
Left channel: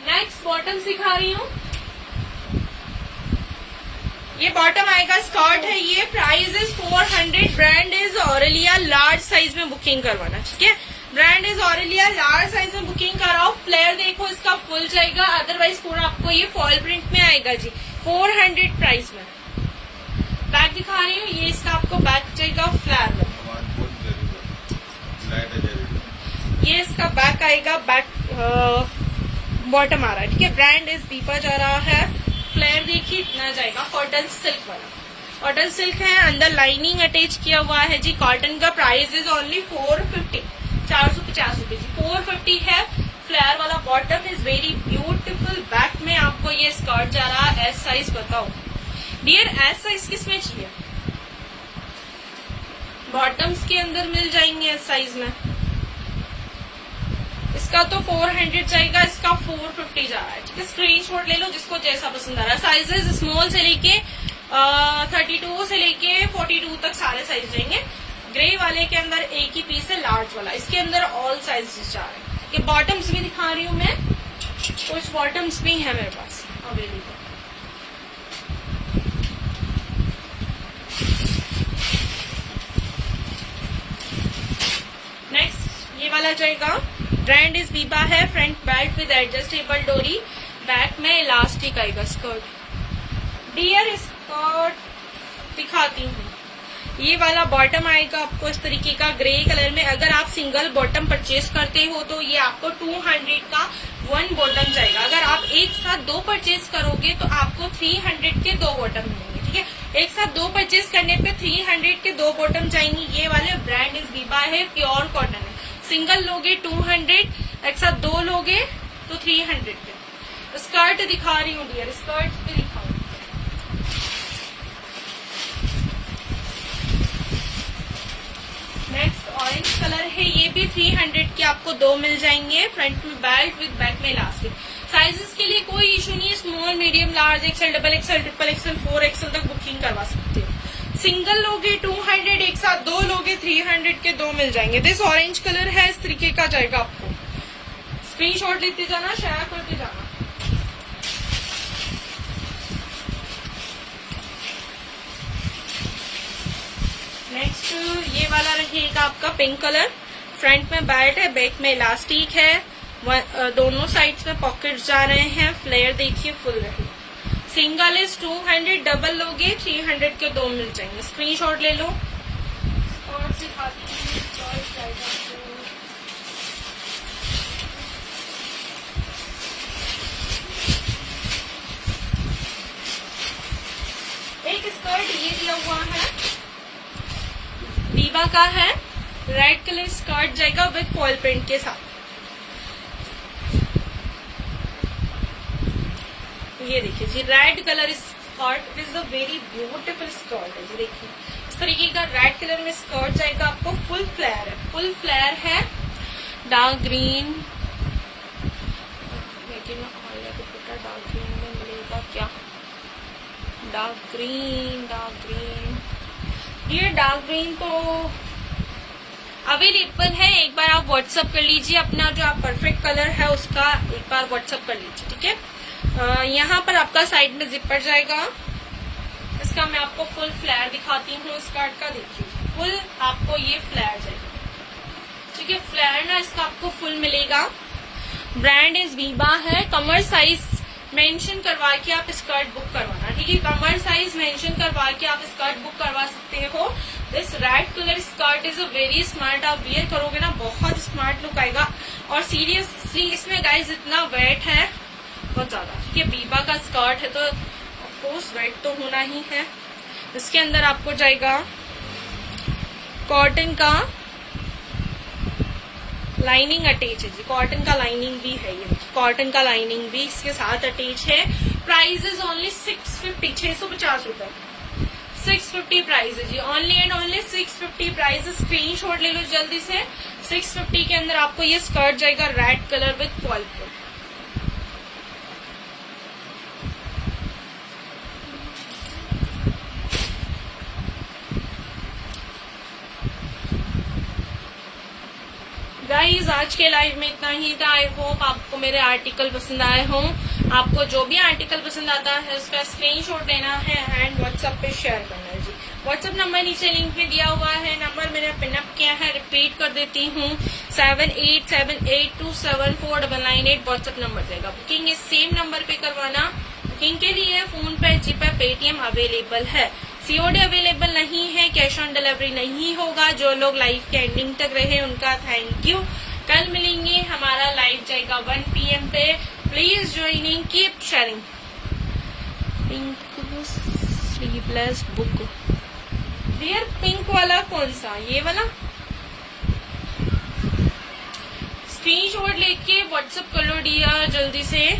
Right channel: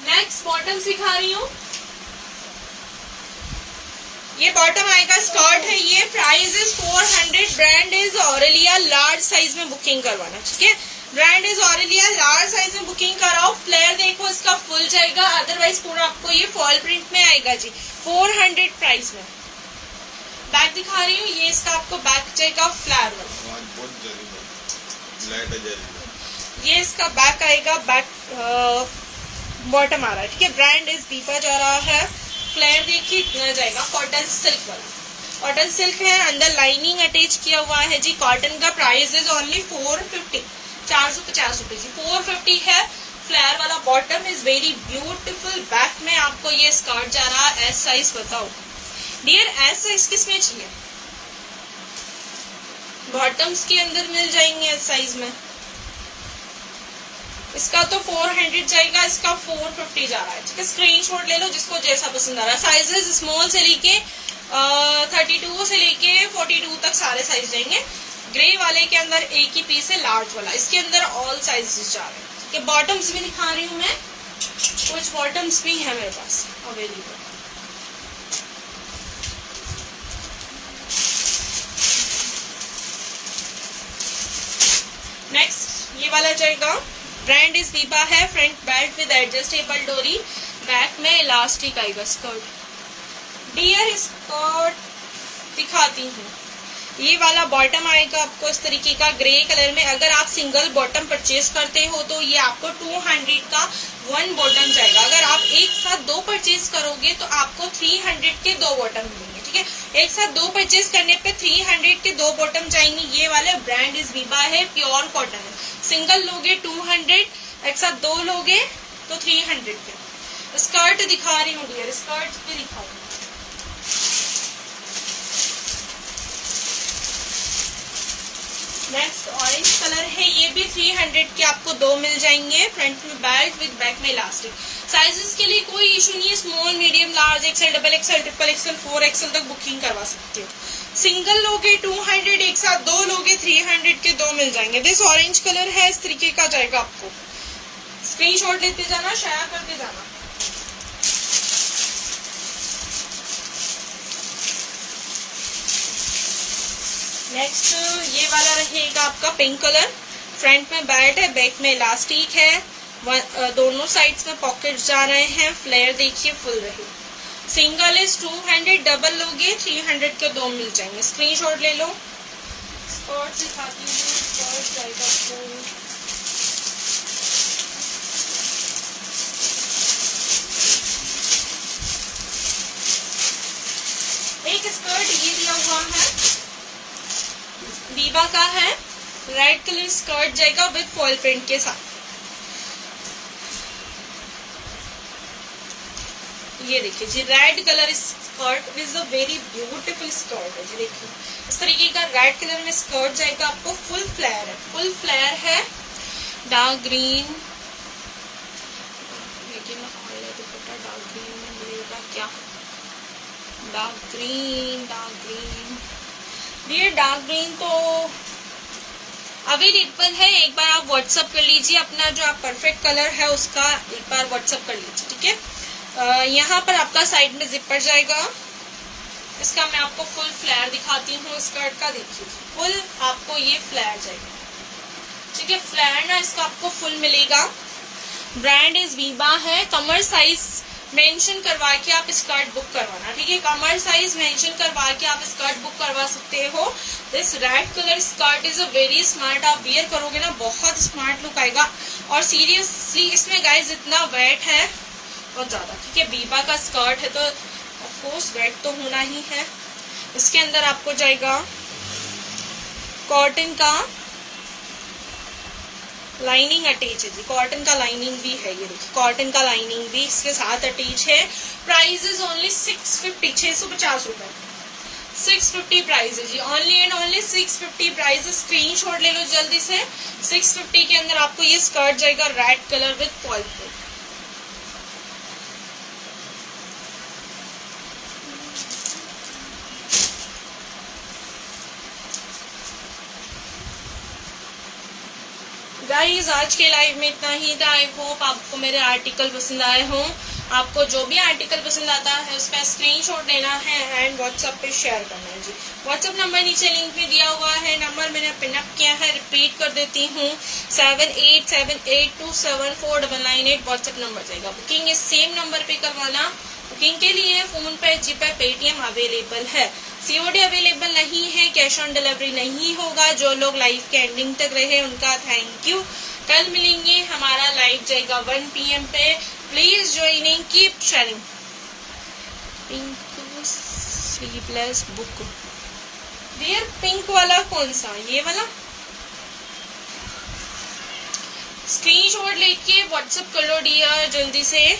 नेक्स्ट बॉटम सिखा रही हूँ, ये बॉटम आएगा, स्कर्ट है ये। Price is 400। Brand is Aurelia, large size में बुकिंग करवाना, ठीक है। Brand is Aurelia, large size में बुकिंग कराओ। फ्लेयर देखो इसका फुल जाएगा, अदरवाइज पूरा आपको ये फॉल प्रिंट में आएगा जी। 400 प्राइस में। बैक दिखा रही हूँ, ये इसका आपको बैक जाएगा फ्लेयर में। ये इसका बैक आएगा, बैक बॉटम आ रहा है, ठीक है। ब्रांड इज दीपा जा रहा है। फ्लेयर देखिए इतना जाएगा, कॉटन सिल्क वाला, कॉटन सिल्क है, अंदर लाइनिंग अटैच किया हुआ है जी। कॉटन का प्राइस इज ओनली 450, 450 रुपए जी। 450 है। फ्लेयर वाला bottom is very beautiful. Back में आपको ये स्कर्ट जा रहा है। एस साइज बताओ डियर, एस साइज किसमें चाहिए? बॉटम्स के अंदर मिल जाएंगे एस साइज में। इसका तो 400 जाएगा, इसका 450 जा रहा है, ठीक है। स्क्रीनशॉट ले लो जिसको जैसा पसंद आ रहा है। साइजेस स्मॉल से लेके 32 से लेके 42 तक सारे साइज जाएंगे। ग्रे वाले के अंदर एक ही पीस है लार्ज वाला, इसके अंदर ऑल साइजेस जा रहे हैं। कि बॉटम्स भी दिखा रही हूँ मैं, कुछ बॉटम्स भी है मेरे पास अवेलेबल। नेक्स्ट ये वाला जाएगा, ब्रांड इज बीबा है, फ्रंट बेल्ट विद एडजस्टेबल डोरी, बैक में इलास्टिक आएगा स्कर्ट। डियर स्कर्ट दिखाती हूँ, ये वाला बॉटम आएगा आपको इस तरीके का ग्रे कलर में। अगर आप सिंगल बॉटम परचेज करते हो तो ये आपको 200 का 1 बॉटम जाएगा। अगर आप एक साथ 2 परचेज करोगे तो आपको 300 के 2 बॉटम मिलेंगे, ठीक है। एक साथ 2 परचेज करने पे 300 के 2 बॉटम जाएंगे। ये वाले ब्रांड इज बीबा है, प्योर कॉटन है। सिंगल लोगे 200, एक साथ 2 लोगे तो 300 के। स्कर्ट दिखा रही हूँ डियर, स्कर्ट भी दिखाऊँ। नेक्स्ट ऑरेंज कलर है, ये भी 300 के आपको 2 मिल जाएंगे, फ्रंट में बेल्ट विद बैक में इलास्टिक। साइजेस के लिए कोई इशू नहीं है, small, medium, large, XL, double XL, triple XL, 4XL तक बुकिंग करवा सकते हो। सिंगल लोगे 200, एक साथ 2 लोगे 300 के 2 मिल जाएंगे। दिस ऑरेंज कलर है, इस तरीके का जाएगा आपको। स्क्रीनशॉट लेते जाना, शेयर करते जाना। नेक्स्ट ये वाला रहेगा आपका पिंक कलर, फ्रंट में बेल्ट है, बैक में इलास्टिक है, दोनों साइड्स में पॉकेट्स जा रहे हैं। फ्लेयर देखिए फुल रहे। सिंगल इज 200, डबल लोगे 300 के 2 मिल जाएंगे। स्क्रीनशॉट ले लो। स्कर्ट दिखाती हूँ, स्कर्ट जाएगा आपको एक स्कर्ट ये दिया हुआ है, बीबा का है, रेड कलर स्कर्ट जाएगा विद फॉल प्रिंट के साथ। ये देखिए जी, red colour skirt is a very beautiful skirt है जी। देखिए इस तरीके का रेड कलर में स्कर्ट जाएगा आपको। फुल फ्लेयर है, फुल फ्लेयर है, डार्क ग्रीन। डार्क ग्रीन में मिलेगा क्या? डार्क ग्रीन, डार्क ग्रीन, ये डार्क ग्रीन तो अवेलेबल है। एक बार आप व्हाट्सअप कर लीजिए अपना जो आप परफेक्ट कलर है उसका, एक बार व्हाट्सअप कर लीजिए, ठीक है। यहाँ पर आपका साइड में जिपर जाएगा। इसका मैं आपको फुल फ्लेयर दिखाती हूँ स्कर्ट का। देखिए फुल आपको ये फ्लेयर जाएगा, ठीक है। फ्लेयर ना इसका आपको फुल मिलेगा। ब्रांड इज बीबा है। कमर साइज मेंशन करवा के आप स्कर्ट बुक करवाना, ठीक है। कमर साइज मेंशन करवा के आप स्कर्ट बुक करवा सकते हो। This red colour skirt is a very smart. आप वियर करोगे ना बहुत स्मार्ट लुक आएगा। और सीरियसली इसमें गाइस इतना वेट है बहुत ज्यादा, ठीक है। बीबा का स्कर्ट है तो ऑफकोर्स वेट तो होना ही है। इसके अंदर आपको जाएगा कॉटन का लाइनिंग अटैच है जी, कॉटन का लाइनिंग भी है। ये देखिए कॉटन का लाइनिंग भी इसके साथ अटैच है। प्राइस इज ओनली 650, 650 रुपए, 650 प्राइस है जी। Only and only 650 price. Screenshot ले लो जल्दी से। 650 के अंदर आपको ये स्कर्ट जाएगा red colour with fall print. Guys आज के लाइव में इतना ही था। आई होप आपको मेरे आर्टिकल पसंद आए हों। आपको जो भी आर्टिकल पसंद आता है उसका स्क्रीनशॉट लेना है एंड व्हाट्सएप पे शेयर करना है जी। व्हाट्सएप नंबर नीचे लिंक में दिया हुआ है। नंबर मैंने पिनअप किया है, रिपीट कर देती हूँ, 7878274998 व्हाट्सएप नंबर जाएगा। बुकिंग इस सेम नंबर पे करवाना। बुकिंग के लिए फोन पे, जीपे, पेटीएम अवेलेबल है। सीओडी अवेलेबल नहीं है, कैश ऑन डिलीवरी नहीं होगा। जो लोग लाइव के एंडिंग तक रहे उनका थैंक यू। कल मिलेंगे, हमारा लाइव जाएगा 1 PM पे। Please joining, keep sharing. Pink sleeveless book dear, pink वाला कौन सा? ये वाला। स्क्रीनशॉट लेके व्हाट्सएप कर लो डियर जल्दी से।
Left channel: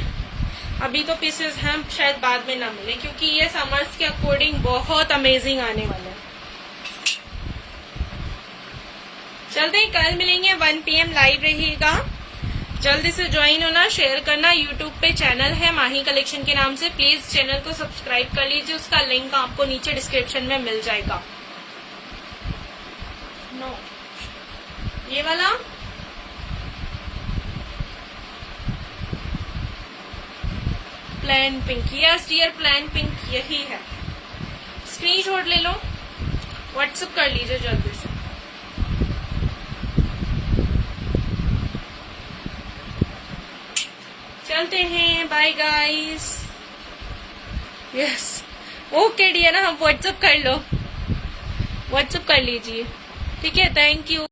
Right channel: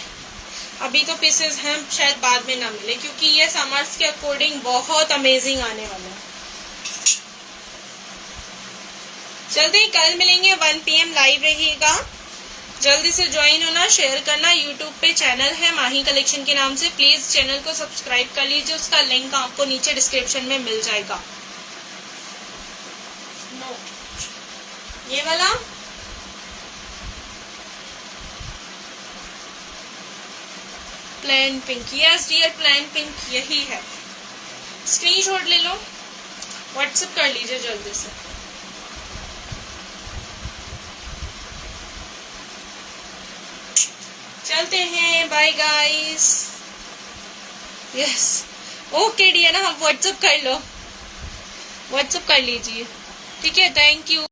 अभी तो पीसेस हैं, शायद बाद में ना मिले क्योंकि ये समर्स के अकॉर्डिंग बहुत अमेजिंग आने वाला है। जल्दी कल मिलेंगे, 1 PM लाइव रहेगा। जल्दी से ज्वाइन होना, शेयर करना। यूट्यूब पे चैनल है माही कलेक्शन के नाम से, प्लीज चैनल को सब्सक्राइब कर लीजिए। उसका लिंक आपको नीचे डिस्क्रिप्शन में मिल जाएगा। ये वाला plain pink, yes dear plain pink यही है। स्क्रीनशॉट ले लो, व्हाट्सएप कर लीजिए जल्दी से। चलते हैं, bye guys. Yes okay dear, ना हम व्हाट्सएप कर लो, व्हाट्सएप कर लीजिए, ठीक है, थैंक यू।